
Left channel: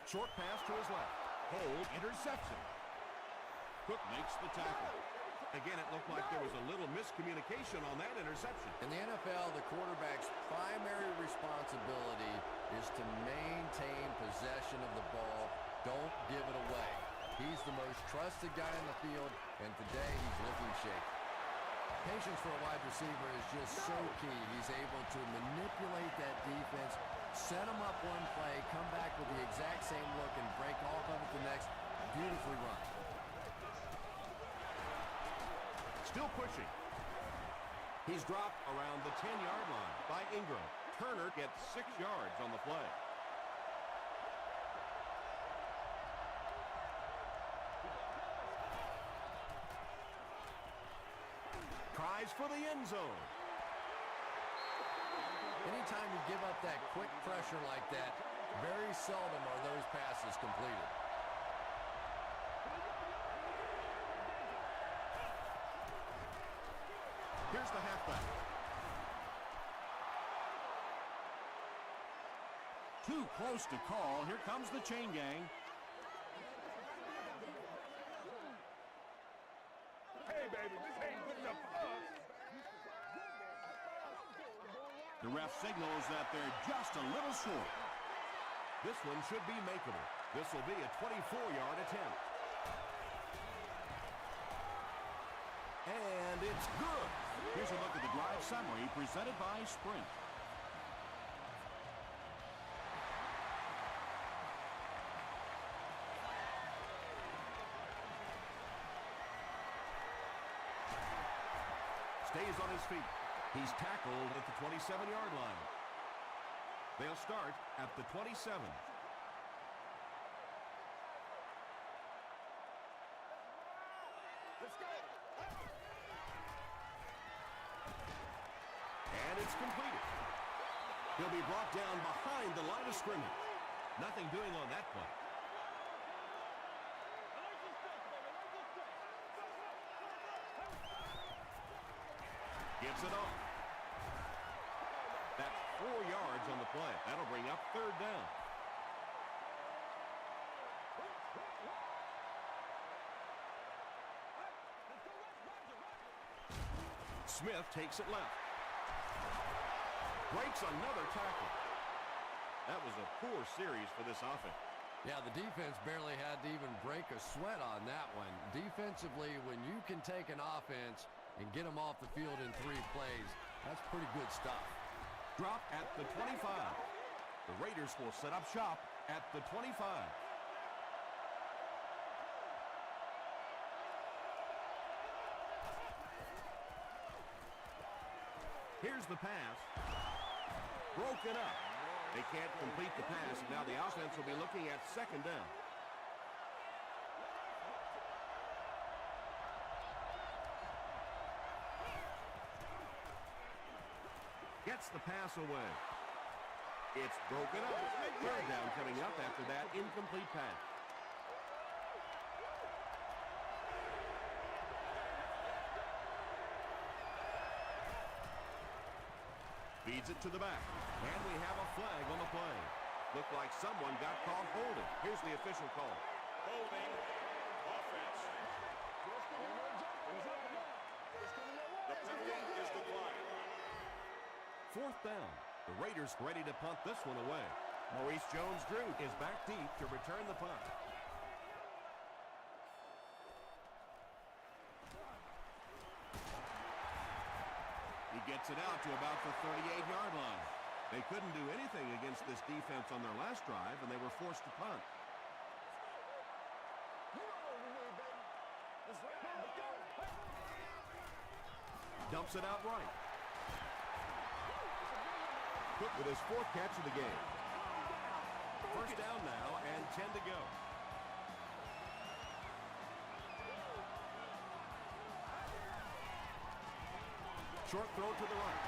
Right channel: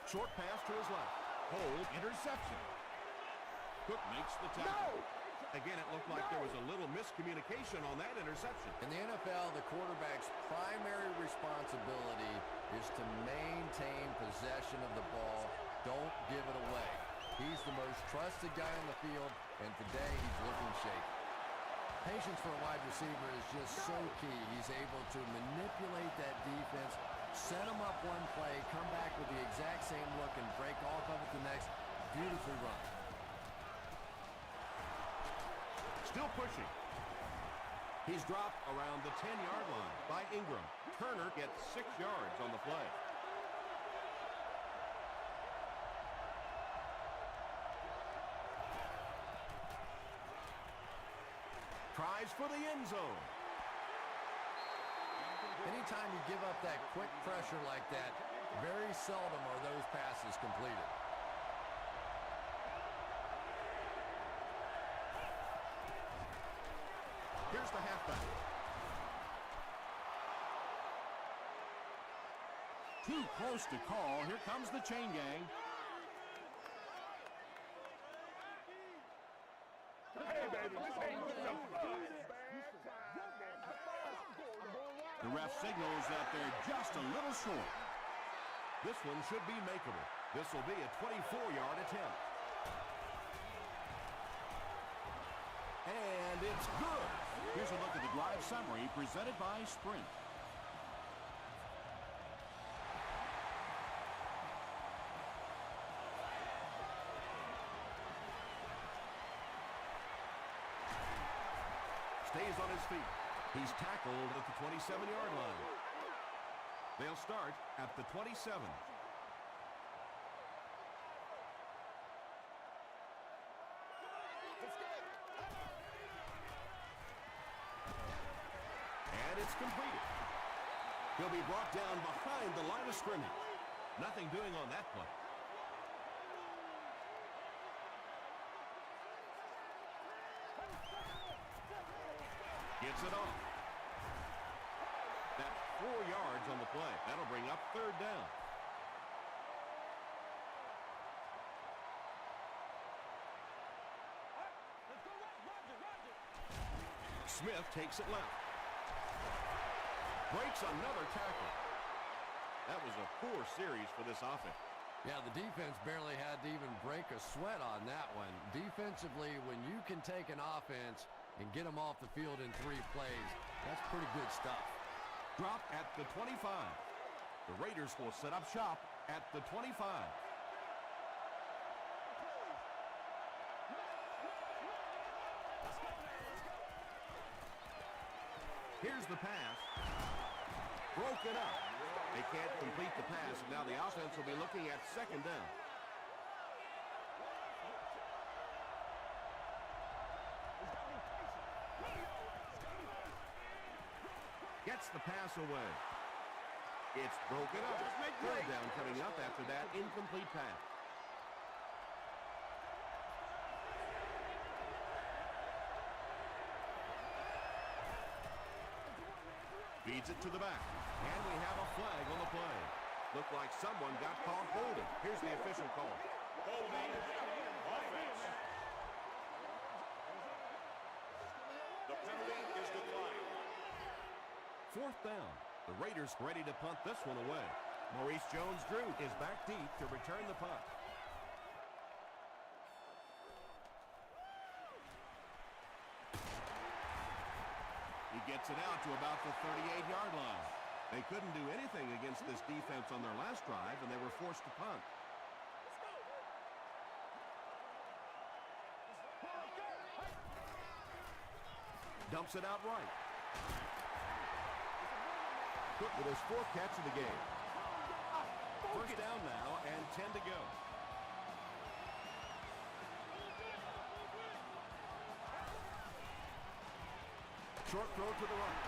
Short pass to his left. Hold, interception. Cook makes the tackle. Again, it looked like there was a little miscommunication on that interception. In the NFL, the quarterback's primary responsibility is to maintain possession of the ball. Don't give it away. He's the most trusted guy in the field, and today he's looking shaky. Patience for a wide receiver is just so key. He's able to manipulate that defense, set them up one play, come back with the exact same look, and break off of it the next. Beautifully run. Still pushing. He's dropped around the 10-yard line by Ingram. Turner gets 6 yards on the play. Tries for the end zone. Anytime you give up that quick pressure like that, very seldom are those passes completed. Here's the halfback. Too close to call. Here comes the chain gang. Hey, baby, this ain't good enough for us. The ref signals that they're just a little short. This one should be makeable. This will be a 24-yard attempt. And it's good. Here's a look at the drive summary presented by Sprint. Stays on his feet. He's tackled at the 27-yard line. They'll start at the 27. Let's go. And it's completed. He'll be brought down behind the line of scrimmage. Nothing doing on that play. Gets it off. That's 4 yards on the play. That'll bring up 3rd down. Let's go, Roger. Smith takes it left. Breaks another tackle. That was a poor series for this offense. Yeah, the defense barely had to even break a sweat on that one. Defensively, when you can take an offense and get them off the field in 3 plays, that's pretty good stuff. Drop at the 25. The Raiders will set up shop at the 25. Here's the pass. Broken up. They can't complete the pass, and now the offense will be looking at 2nd down. Gets the pass away. It's broken up. 3rd down coming up after that incomplete pass. Feeds it to the back. And we have a flag on the play. Looked like someone got caught holding. Here's the official call. 4th down. The Raiders ready to punt this one away. Maurice Jones-Drew is back deep to return the punt. He gets it out to about the 38-yard line. They couldn't do anything against this defense on their last drive, and they were forced to punt. Let's go, baby. You know what we need, baby. Let's go. Dumps it out right. Cook with his 4th catch of the game. 1st down now and 10 to go. Short throw to the right.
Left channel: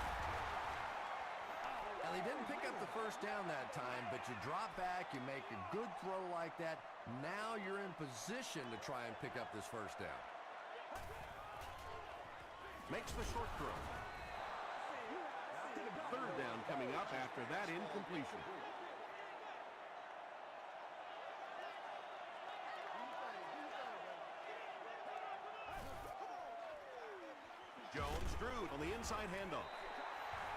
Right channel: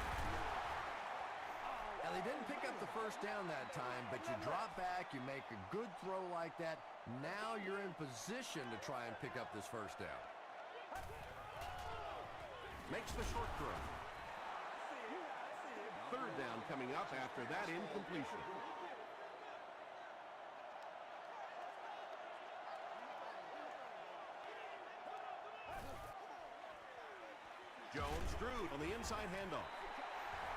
Now, they didn't pick up the 1st down that time, but you drop back, you make a good throw like that. Now you're in position to try and pick up this 1st down. Makes the short throw. down coming up after that incompletion. Jones-Drew on the inside handoff.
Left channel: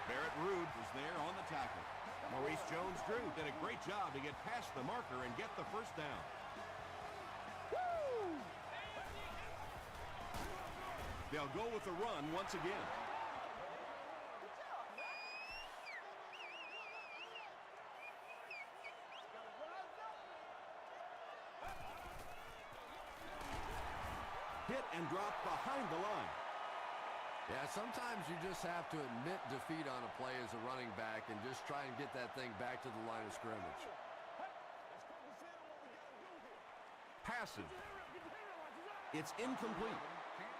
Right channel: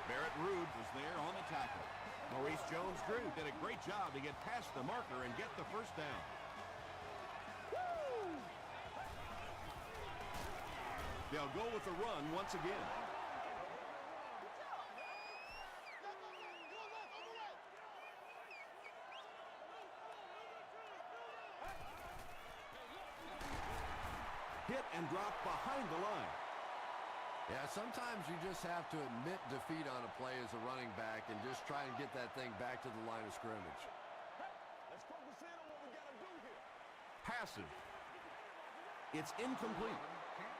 Barrett Ruud was there on the tackle. Maurice Jones-Drew did a great job to get past the marker and get the first down. They'll go with the run once again. Hit and drop behind the line. Yeah, sometimes you just have to admit defeat on a play as a running back and just try and get that thing back to the line of scrimmage. Let's focus in on what we got to do here. Passes. It's incomplete.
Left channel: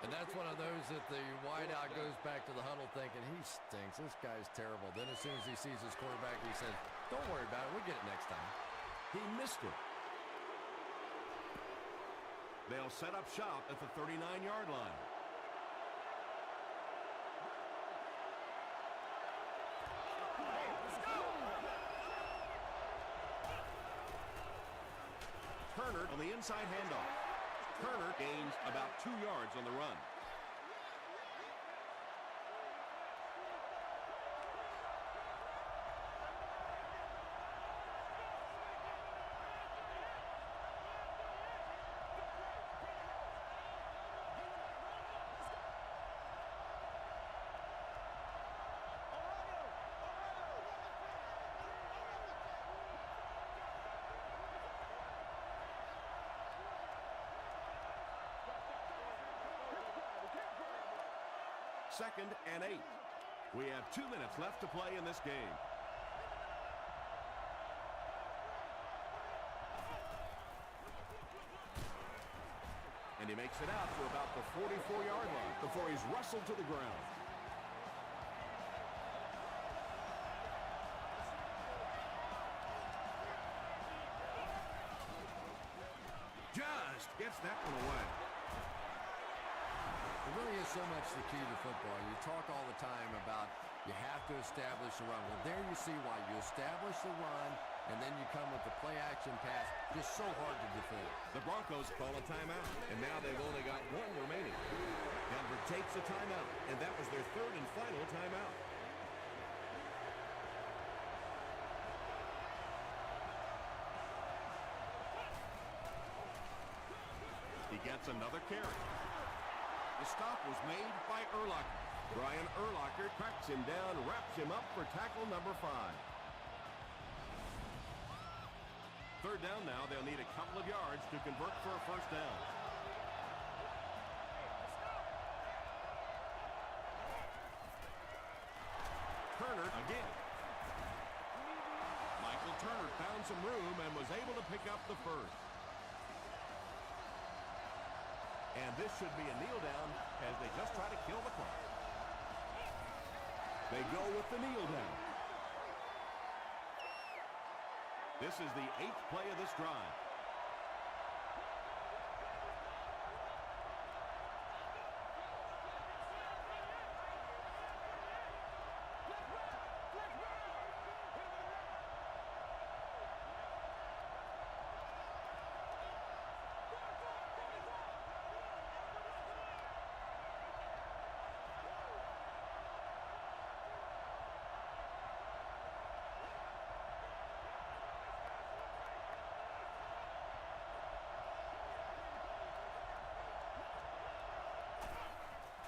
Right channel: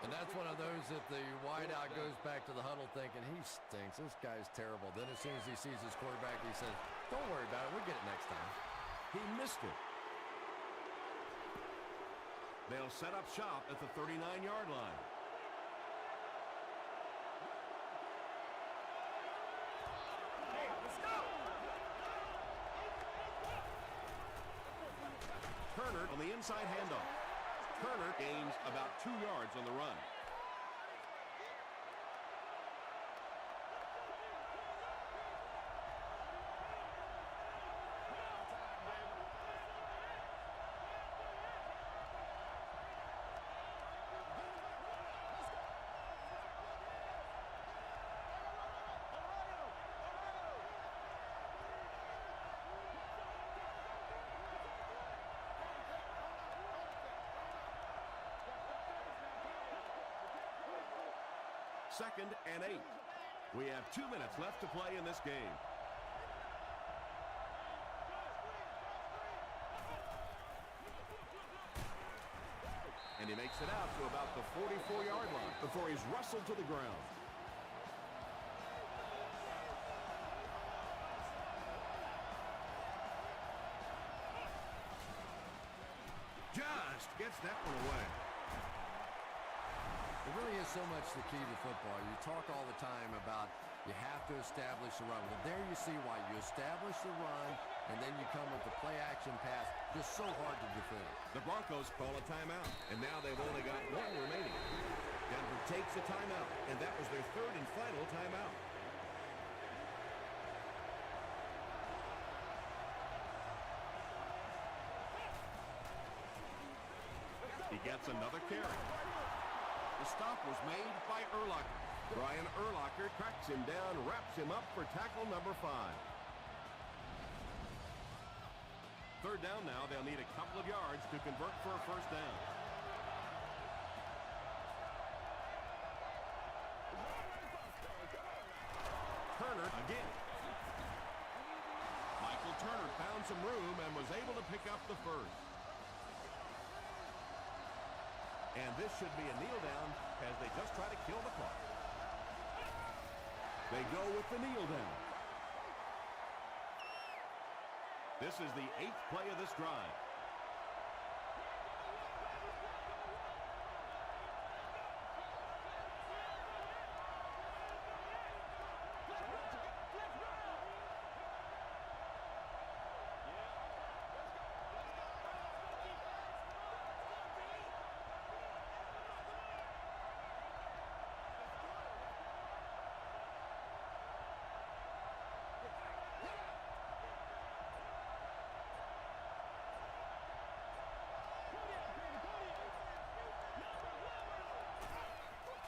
And that's one of those that the wideout goes back to the huddle thinking, he stinks. This guy's terrible. Then as soon as he sees his quarterback, he says, don't worry about it. We'll get it next time. He missed it. They'll set up shop at the 39-yard line. Turner on the inside handoff. Turner gains about 2 yards on the run. Second and 8. We have 2 minutes left to play in this game. And he makes it out to about the 44-yard line before he's wrestled to the ground. Just gets that one away. It really is so much the key to football. You talk all the time about you have to establish the run. Well, there you see why. You establish the run, and then you come with the play-action pass. Just so hard to defend. The Broncos call a timeout, and now they've only got 1 remaining. Denver takes a timeout, and that was their 3rd and final timeout. He gets another carry. The stop was made by Urlacher. Brian Urlacher tracks him down, wraps him up for tackle number 5. 3rd down now. They'll need a couple of yards to convert for a first down. Turner again. Michael Turner found some room and was able to pick up the first. And this should be a kneel down as they just try to kill the clock. They go with the kneel down. This is the 8th play of this drive.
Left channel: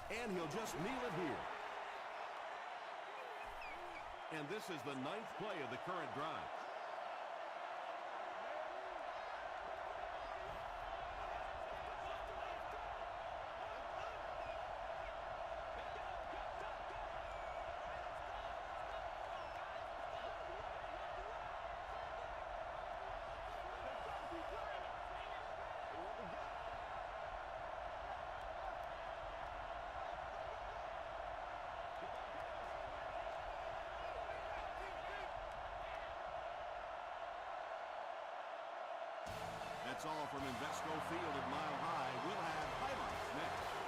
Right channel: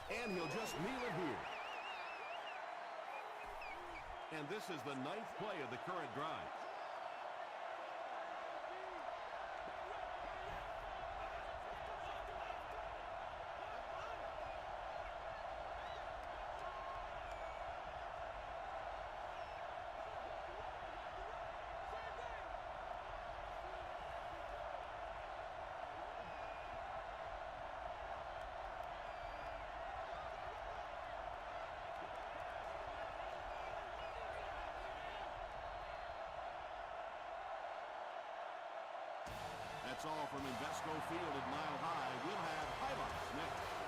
And he'll just kneel it here. And this is the 9th play of the current drive. That's all from Invesco Field at Mile High. We'll have highlights next.